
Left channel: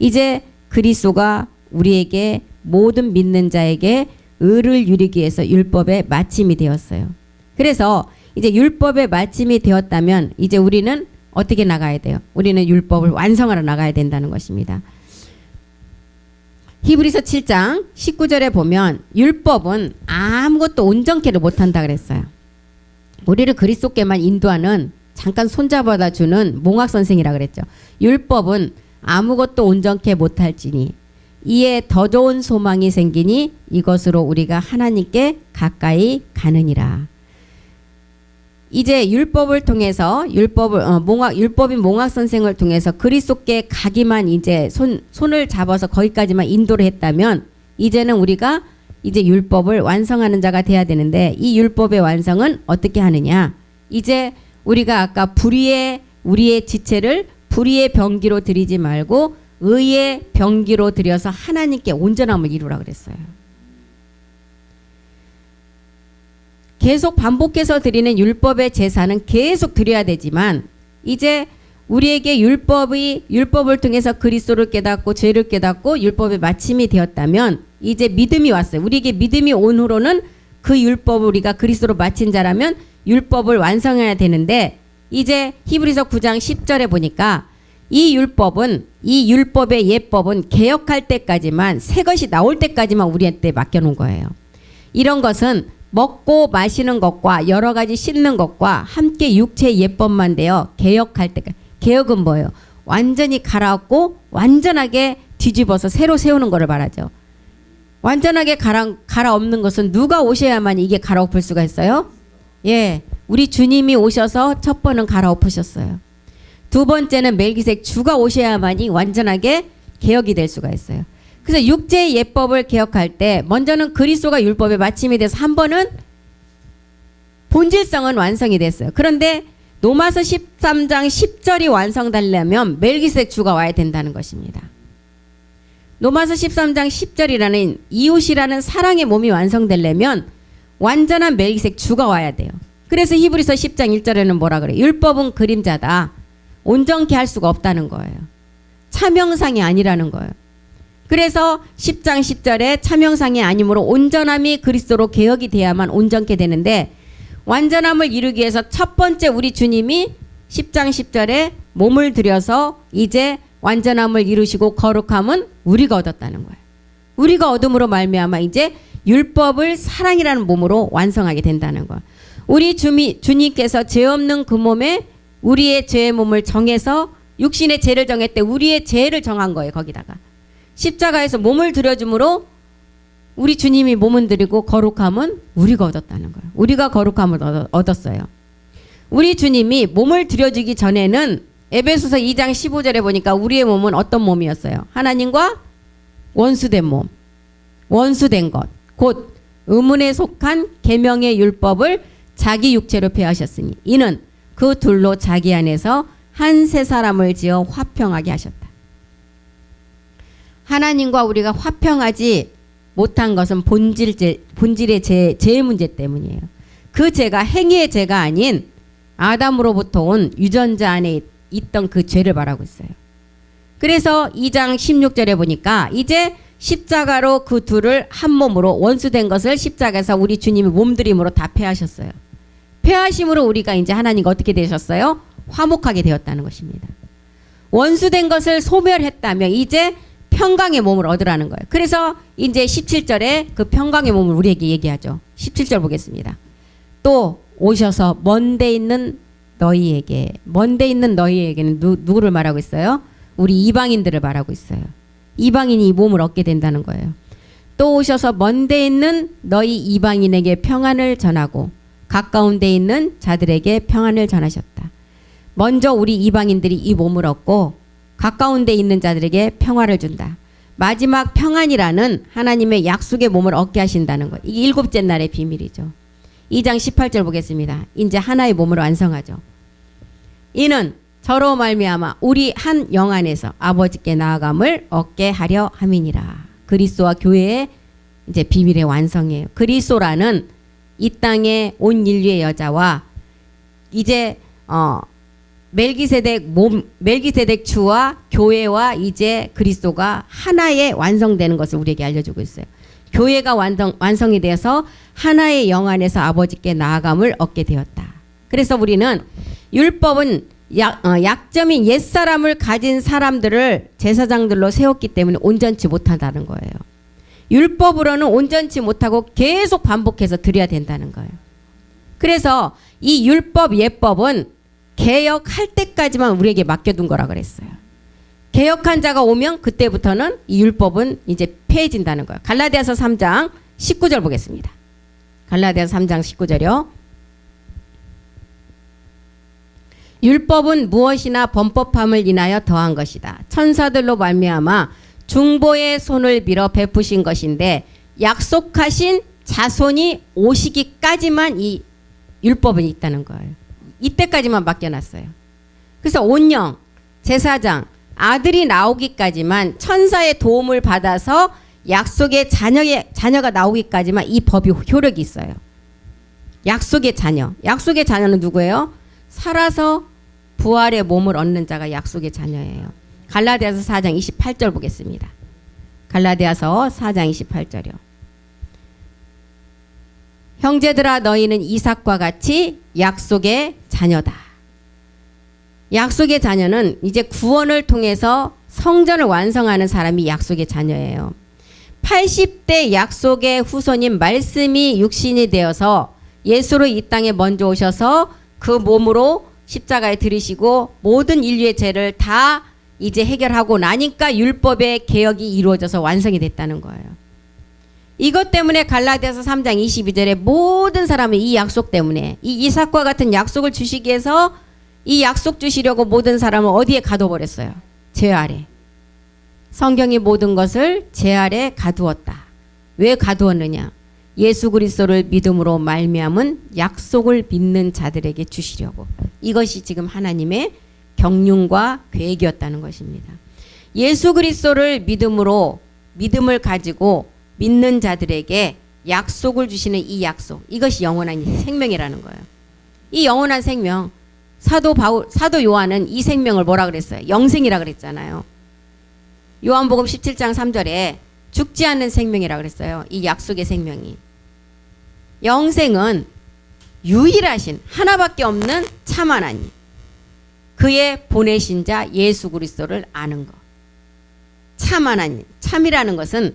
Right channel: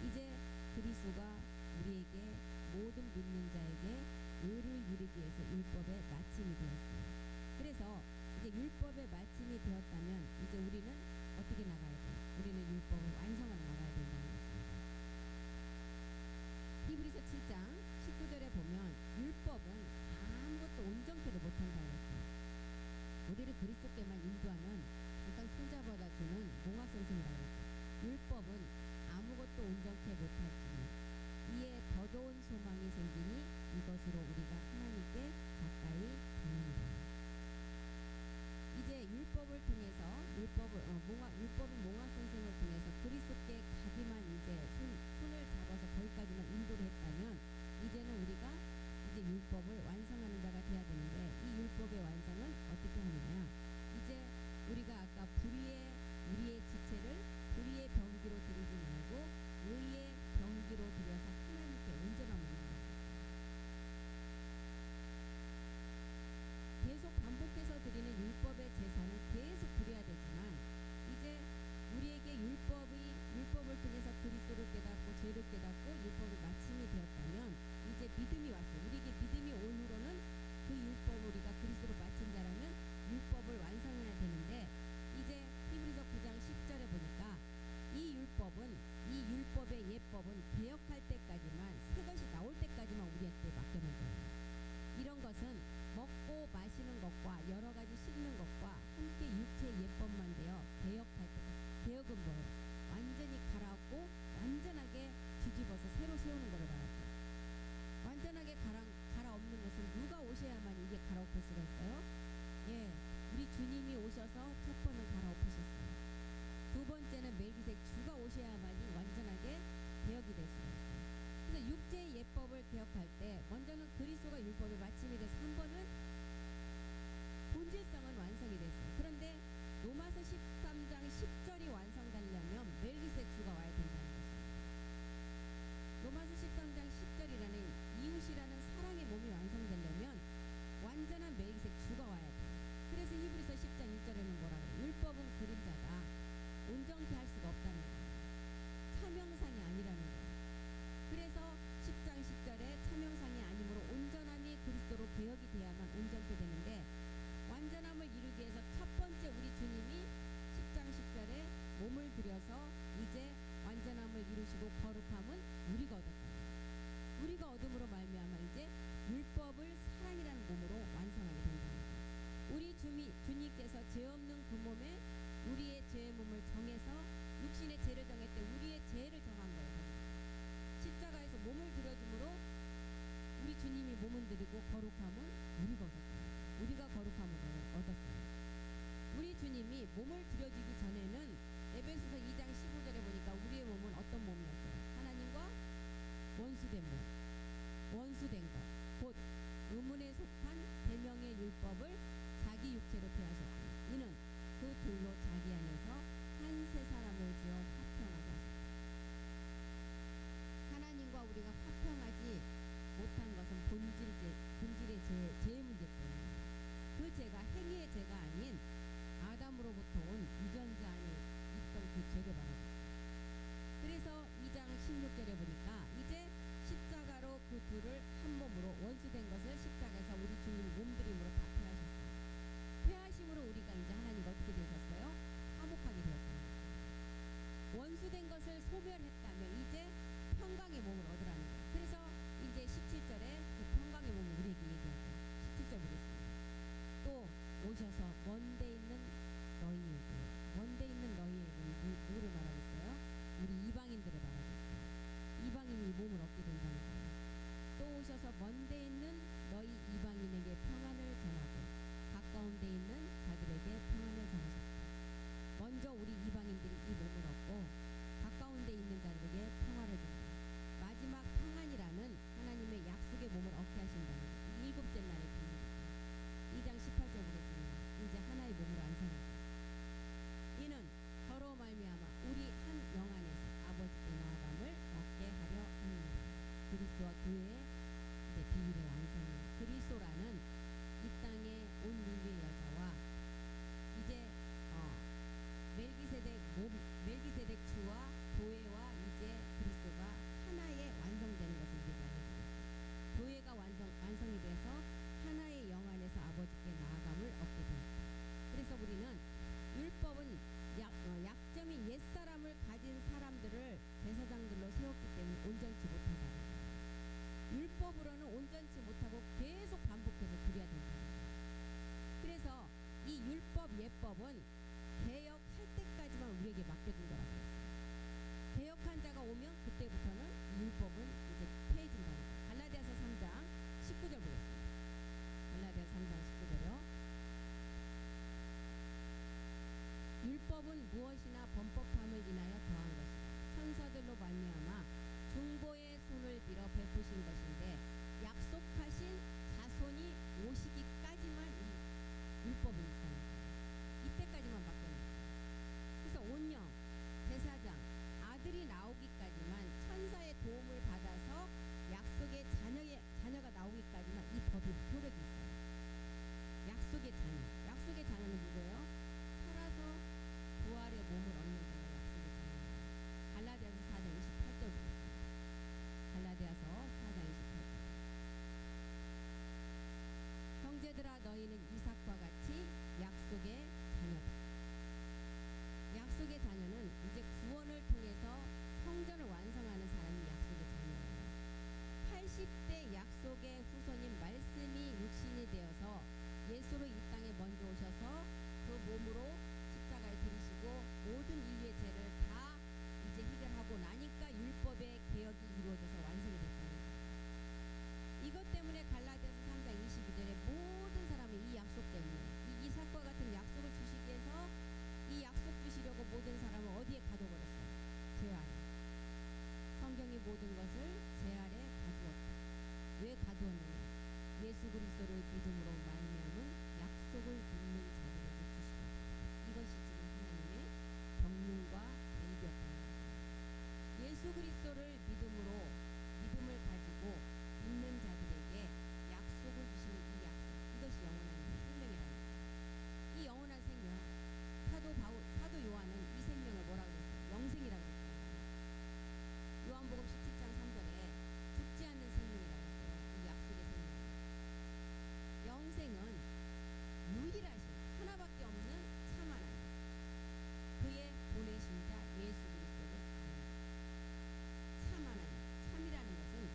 이제 그리스도가 우리에게 모든 믿는 자에게 의를 이루기 위해서 율법의 마침이 되었어요. 그래서 이제 율법의 마침이 되었다면 이제 우리는 어떻게 나가야 돼요? 우리는 율법을 완성하러 나가야 된다는 것입니다. 히브리서 7장 19절에 보면 율법은 아무것도 온전케를 못한다 그랬어요. 우리를 그리스도께만 인도하는 잠깐 손잡아다 주는 몽학 선생이라 그랬죠. 율법은 아무것도 온전케 못할지니 이에 더 좋은 소망이 생기니 이것으로 우리가 하나님께 가까이 가느니라. 이제 율법을 통해서 율법인 몽학 선생을 통해서 그리스도께 가기만 이제 손을 잡아서 거기까지만 인도를 했다면 이제는 우리가 이제 율법을 완성하는 자가 돼야 되는데 이 율법의 완성은 어떻게 하느냐? 이제 우리가 아까 우리의 지체를 불의의 병기로 드리지 말고 의의 병기로 드려서 하나님께 온전함을 이루라 그랬어요. 계속 반복해서 드리는 율법의 제사는 계속 드려야 되지만 이제 우리에게 율법을 통해서 그리스도를 깨닫고 죄를 깨닫고 율법의 마침이 되었다면 이제 믿음이 왔어요. 우리에게 믿음이 온 후로는 그 율법을 우리가 그리스도로 마친 자라면 율법을 완성해야 되는데 이제 히브리서 9장 10절에 보니까 이 율법의 예법은 개혁할 때까지만 새 것이 나올 때까지만 우리한테 맡겨놓은 거예요. 이런 것은 먹고 마시는 것과 여러 가지 씻는 것과 함께 육체의 예법만 되어 개혁할 때까지. 개혁은 뭐예요? 완전히 갈아엎고 완전하게 뒤집어서 새로 세우는 것을 말하죠. 완전하게 갈아엎는 것은 누가 오셔야만 이게 갈아엎을 수가 있어요? 예, 우리 주님이 오셔서 첫 번은 갈아엎으셨어요. 두 번째는 멜기세덱 주가 오셔야만이 완전하게 개혁이 될 수가 있어요. 그래서 육체의 예법을 개혁할 때 먼저는 그리스도가 율법에 마침이 돼서 한 번은 본질성은 완성이 됐어요. 그런데 로마서 13장 10절이 완성되려면 멜기세덱 주가 와야 된다는 것입니다. 로마서 13장 10절이라는 이웃이라는 사랑의 몸이 완성되려면 완전한 멜기세덱 주가 와야 돼요. 그래서 히브리서 10장 1절에는 뭐라 그래요? 율법은 그림자다. 온전케 할 수가 없다는 거예요. 차명상이 아니라는 거예요. 그래서 10장 10절에 차명상이 아니므로 온전함이 그리스도로 개혁이 돼야만 온전케 되는데, 완전함을 이루기 위해서 첫 번째 우리 주님이 10장 10절에 몸을 들여서 이제 완전함을 이루시고 거룩함은 우리가 얻었다는 거예요. 우리가 얻음으로 말미암아 이제 율법을 사랑이라는 몸으로 완성하게 된다는 거예요. 우리 주님께서 죄 없는 그 몸에 우리의 죄의 몸을 정해서 육신의 죄를 정했대. 우리의 죄를 정한 거예요. 거기다가 십자가에서 몸을 들여줌으로 우리 주님이 몸을 드리고 거룩함은 우리가 얻었다는 거예요. 우리가 거룩함을 얻었어요. 우리 주님이 몸을 들여주기 전에는 에베소서 2장 15절에 보니까 우리의 몸은 어떤 몸이었어요? 하나님과 원수된 몸, 원수된 것, 곧 의문에 속한 계명의 율법을 자기 육체로 폐하셨으니 이는 그 둘로 자기 안에서 한 새 사람을 지어 화평하게 하셨다. 하나님과 우리가 화평하지 못한 것은 본질의 죄의 문제 때문이에요. 그 죄가 행위의 죄가 아닌 아담으로부터 온 유전자 안에 있던 그 죄를 말하고 있어요. 그래서 2장 16절에 보니까 이제 십자가로 그 둘을 한 몸으로 원수된 것을 십자가에서 우리 주님이 몸들임으로 다 폐하셨어요. 폐하심으로 우리가 이제 하나님과 어떻게 되셨어요? 화목하게 되었다는 것입니다. 원수된 것을 소멸했다면 이제 평강의 몸을 얻으라는 거예요. 그래서 이제 17절에 그 평강의 몸을 우리에게 얘기하죠. 17절 보겠습니다. 또 오셔서 먼데 있는 너희에게는 누구를 말하고 있어요? 우리 이방인들을 말하고 있어요. 이방인이 이 몸을 얻게 된다는 거예요. 또 오셔서 먼데 있는 너희 이방인에게 평안을 전하고 가까운 데 있는 자들에게 평안을 전하셨다. 먼저 우리 이방인들이 이 몸을 얻고 가까운 데 있는 자들에게 평화를 준다. 마지막 평안이라는 하나님의 약속의 몸을 얻게 하신다는 것. 이게 일곱째 날의 비밀이죠. 2장 18절 보겠습니다. 이제 하나의 몸을 완성하죠. 이는 저로 말미암아 우리 한 영 안에서 아버지께 나아감을 얻게 하려 함이니라. 그리스도와 교회의 이제 비밀의 완성이에요. 그리스도라는 이 땅의 온 인류의 여자와 이제 멜기세덱 주와 교회와 이제 그리스도가 하나의 완성되는 것을 우리에게 알려주고 있어요. 교회가 완성이 되어서 하나의 영 안에서 아버지께 나아감을 얻게 되었다. 그래서 우리는 율법은 약점인 옛사람을 가진 사람들을 제사장들로 세웠기 때문에 온전치 못한다는 거예요. 율법으로는 온전치 못하고 계속 반복해서 드려야 된다는 거예요. 그래서 이 율법 예법은 개혁할 때까지만 우리에게 맡겨둔 거라 그랬어요. 개혁한 자가 오면 그때부터는 이 율법은 이제 폐해진다는 거예요. 갈라디아서 3장 19절 보겠습니다. 갈라디아서 3장 19절이요. 율법은 무엇이나 범법함을 인하여 더한 것이다. 천사들로 말미암아 중보의 손을 빌어 베푸신 것인데 약속하신 자손이 오시기까지만 이 율법은 있다는 거예요. 이때까지만 맡겨놨어요. 그래서 온영, 제사장, 아들이 나오기까지만 천사의 도움을 받아서 약속의 자녀가 나오기까지만 이 법이 효력이 있어요. 약속의 자녀는 누구예요? 살아서 부활의 몸을 얻는 자가 약속의 자녀예요. 갈라디아서 4장 28절 보겠습니다. 갈라디아서 4장 28절이요. 형제들아 너희는 이삭과 같이 약속의 자녀다. 약속의 자녀는 이제 구원을 통해서 성전을 완성하는 사람이 약속의 자녀예요. 80대 약속의 후손인 말씀이 육신이 되어서 예수로 이 땅에 먼저 오셔서 그 몸으로 십자가에 들이시고 모든 인류의 죄를 다 이제 해결하고 나니까 율법의 개혁이 이루어져서 완성이 됐다는 거예요. 이것 때문에 갈라디아서 3장 22절에 모든 사람은 이 약속 때문에 이 이삭과 같은 약속을 주시기 위해서 이 약속 주시려고 모든 사람을 어디에 가둬버렸어요? 죄 아래. 성경이 모든 것을 죄 아래 가두었다. 왜 가두었느냐? 예수 그리스도를 믿음으로 말미암은 약속을 믿는 자들에게 주시려고. 이것이 지금 하나님의 경륜과 계획이었다는 것입니다. 예수 그리스도를 믿음으로 믿음을 가지고 믿는 자들에게 약속을 주시는 이 약속, 이것이 영원한 생명이라는 거예요. 이 영원한 생명, 사도 요한은 이 생명을 뭐라 그랬어요? 영생이라 그랬잖아요. 요한복음 17장 3절에 죽지 않는 생명이라 그랬어요. 이 약속의 생명이. 영생은 유일하신 하나밖에 없는 참 하나님, 그의 보내신 자 예수 그리스도를 아는 것. 참 하나님, 참이라는 것은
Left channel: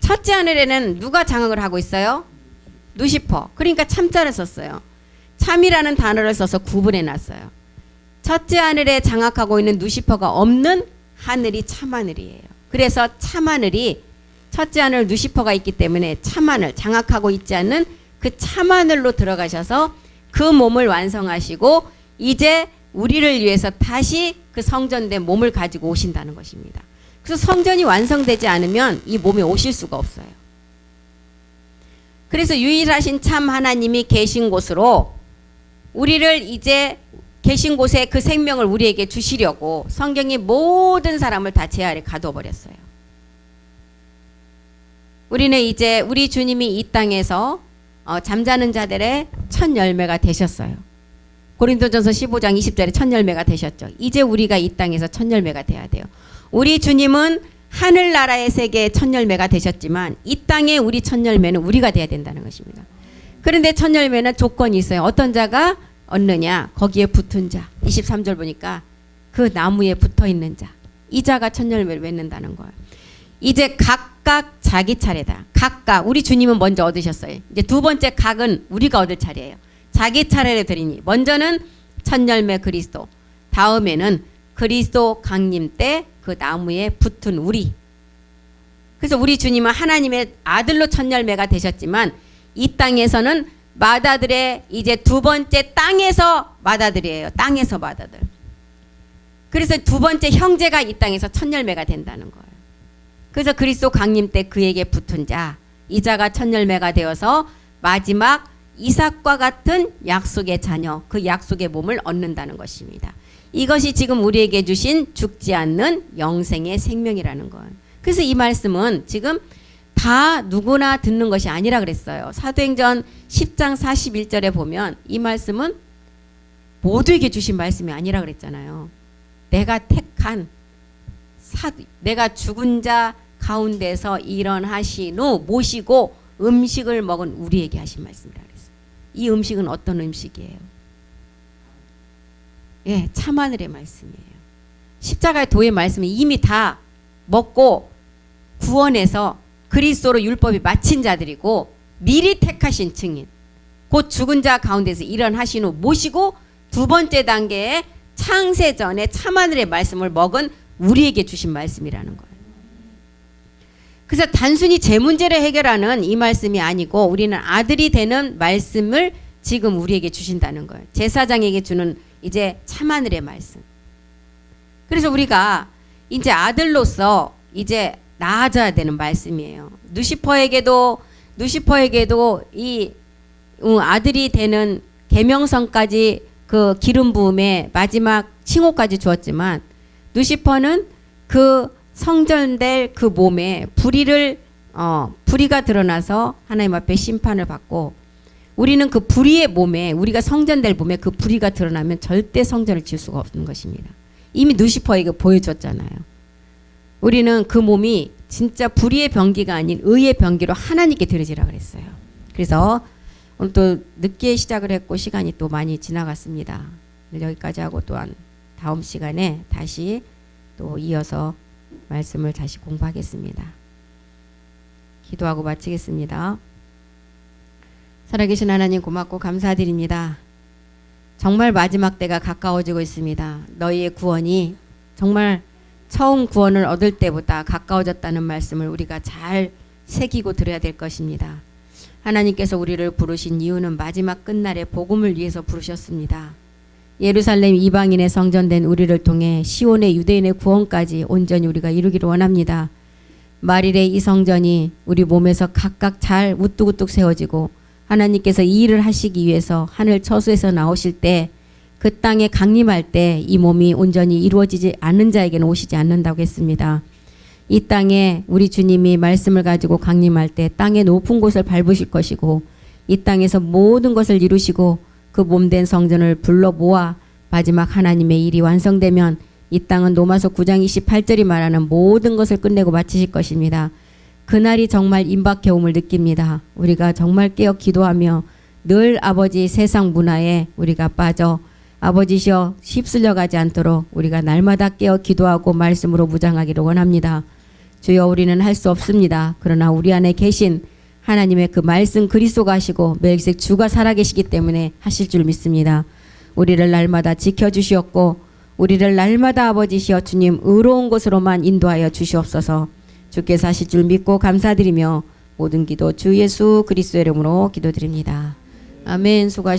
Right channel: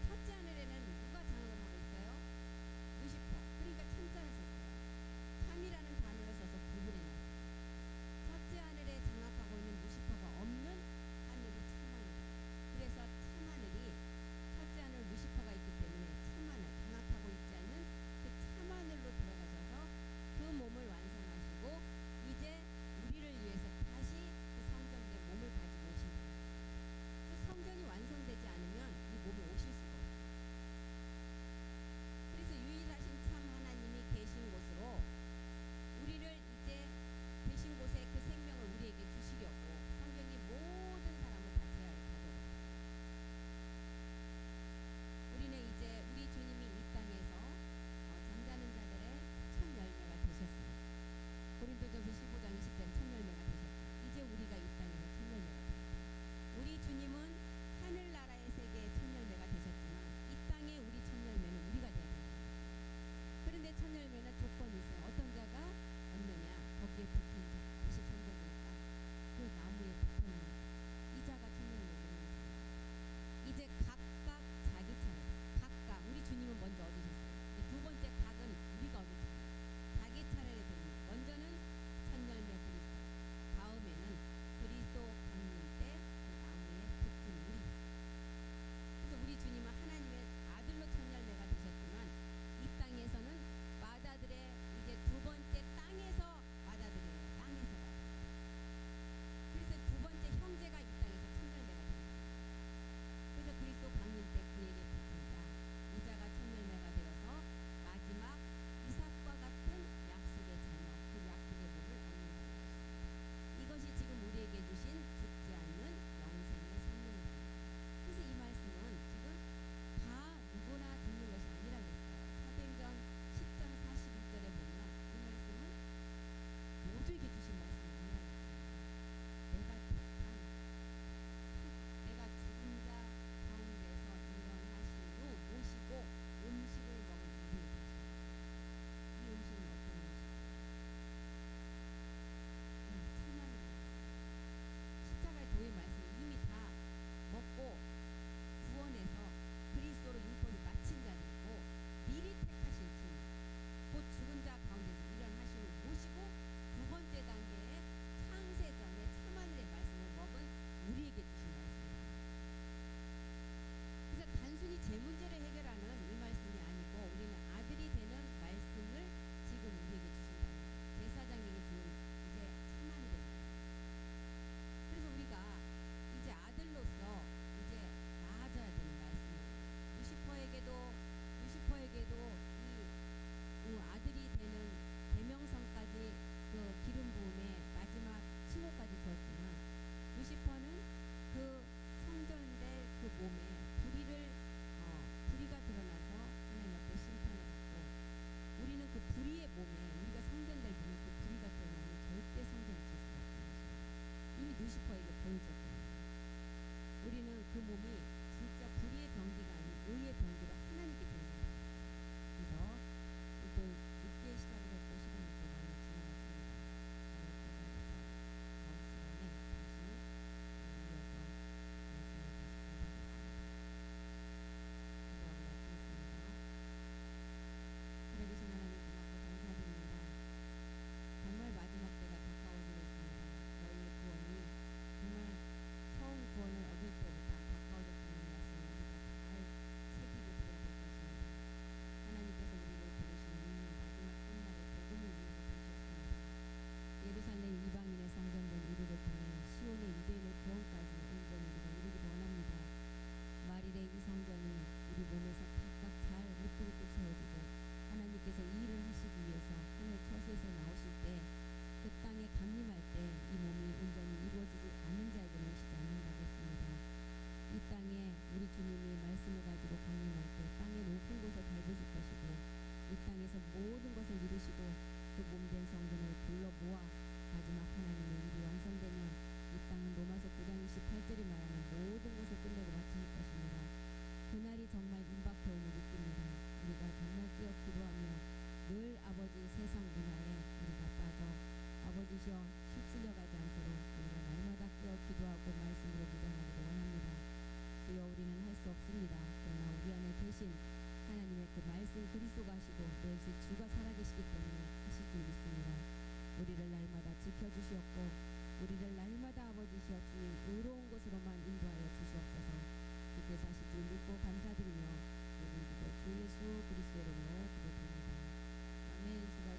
첫째 하늘에는 누가 장악을 하고 있어요? 루시퍼. 그러니까 참자를 썼어요. 참이라는 단어를 써서 구분해 놨어요. 첫째 하늘에 장악하고 있는 루시퍼가 없는 하늘이 참하늘이에요. 그래서 참하늘이 첫째 하늘 루시퍼가 있기 때문에 참하늘, 장악하고 있지 않는 그 참하늘로 들어가셔서 그 몸을 완성하시고 이제 우리를 위해서 다시 그 성전된 몸을 가지고 오신다는 것입니다. 그래서 성전이 완성되지 않으면 이 몸에 오실 수가 없어요. 그래서 유일하신 참 하나님이 계신 곳으로 우리를 이제 계신 곳에 그 생명을 우리에게 주시려고 성경이 모든 사람을 다 죄 아래 가둬버렸어요. 우리는 이제 우리 주님이 이 땅에서 잠자는 자들의 첫 열매가 되셨어요. 고린도전서 15장 20절에 첫 열매가 되셨죠. 이제 우리가 이 땅에서 첫 열매가 돼야 돼요. 우리 주님은 하늘나라의 세계의 첫 열매가 되셨지만 이 땅에 우리 첫 열매는 우리가 돼야 된다는 것입니다. 그런데 첫 열매는 조건이 있어요. 어떤 자가 얻느냐? 거기에 붙은 자. 23절 보니까 그 나무에 붙어 있는 자. 이 자가 첫 열매를 맺는다는 거예요. 이제 각각 자기 차례다. 각각 우리 주님은 먼저 얻으셨어요. 이제 두 번째 각은 우리가 얻을 차례예요. 자기 차례를 드리니 먼저는 첫 열매 그리스도, 다음에는 그리스도 강림 때 그 나무에 붙은 우리. 그래서 우리 주님은 하나님의 아들로 첫 열매가 되셨지만 이 땅에서는 맏아들의 이제 두 번째 땅에서 맏아들이에요. 땅에서 맏아들. 그래서 두 번째 형제가 이 땅에서 첫 열매가 된다는 거예요. 그래서 그리스도 강림 때 그에게 붙은 자, 이 자가 첫 열매가 되어서 마지막 이삭과 같은 약속의 자녀, 그 약속의 몸을 얻는다는 것입니다. 이것이 지금 우리에게 주신 죽지 않는 영생의 생명이라는 거예요. 그래서 이 말씀은 지금 다 누구나 듣는 것이 아니라 그랬어요. 사도행전 10장 41절에 보면 이 말씀은 모두에게 주신 말씀이 아니라 그랬잖아요. 내가 택한 내가 죽은 자 가운데서 일어나신 후 모시고 음식을 먹은 우리에게 하신 말씀이라 그랬어요. 이 음식은 어떤 음식이에요? 예, 참하늘의 말씀이에요. 십자가의 도의 말씀이 이미 다 먹고 구원해서 그리스도로 율법이 마친 자들이고 미리 택하신 증인, 곧 죽은 자 가운데서 일어나신 후 모시고 두 번째 단계의 창세전에 참하늘의 말씀을 먹은 우리에게 주신 말씀이라는 거예요. 그래서 단순히 제 문제를 해결하는 이 말씀이 아니고 우리는 아들이 되는 말씀을 지금 우리에게 주신다는 거예요. 제사장에게 주는 이제 참하늘의 말씀. 그래서 우리가 이제 아들로서 이제 나아져야 되는 말씀이에요. 누시퍼에게도 이 아들이 되는 계명성까지 그 기름 부음에 마지막 칭호까지 주었지만 누시퍼는 그 성전될 그 몸에 불의가 드러나서 하나님 앞에 심판을 받고, 우리는 그 불의의 몸에, 우리가 성전될 몸에 그 불의가 드러나면 절대 성전을 지을 수가 없는 것입니다. 이미 누시퍼에게 보여줬잖아요. 우리는 그 몸이 진짜 불의의 병기가 아닌 의의 병기로 하나님께 드려지라 그랬어요. 그래서 오늘 또 늦게 시작을 했고 시간이 또 많이 지나갔습니다. 여기까지 하고 또한 다음 시간에 다시 또 이어서 말씀을 다시 공부하겠습니다. 기도하고 마치겠습니다. 살아계신 하나님 고맙고 감사드립니다. 정말 마지막 때가 가까워지고 있습니다. 너희의 구원이 정말 처음 구원을 얻을 때보다 가까워졌다는 말씀을 우리가 잘 새기고 들어야 될 것입니다. 하나님께서 우리를 부르신 이유는 마지막 끝날의 복음을 위해서 부르셨습니다. 예루살렘 이방인의 성전된 우리를 통해 시온의 유대인의 구원까지 온전히 우리가 이루기를 원합니다. 말일의 이 성전이 우리 몸에서 각각 잘 우뚝우뚝 세워지고 하나님께서 이 일을 하시기 위해서 하늘 처소에서 나오실 때 그 땅에 강림할 때 이 몸이 온전히 이루어지지 않는 자에게는 오시지 않는다고 했습니다. 이 땅에 우리 주님이 말씀을 가지고 강림할 때 땅의 높은 곳을 밟으실 것이고 이 땅에서 모든 것을 이루시고 그 몸된 성전을 불러 모아 마지막 하나님의 일이 완성되면 이 땅은 로마서 9장 28절이 말하는 모든 것을 끝내고 마치실 것입니다. 그날이 정말 임박해옴을 느낍니다. 우리가 정말 깨어 기도하며 늘 아버지 세상 문화에 우리가 빠져 아버지시여 휩쓸려 가지 않도록 우리가 날마다 깨어 기도하고 말씀으로 무장하기를 원합니다. 주여 우리는 할 수 없습니다. 그러나 우리 안에 계신 하나님의 그 말씀 그리스도가 하시고 멜기세덱 주가 살아계시기 때문에 하실 줄 믿습니다. 우리를 날마다 지켜주시옵고 우리를 날마다 아버지시여 주님 의로운 곳으로만 인도하여 주시옵소서. 주께서 하실 줄 믿고 감사드리며 모든 기도 주 예수 그리스도의 이름으로 기도드립니다. 아멘. 수고하셨습니다.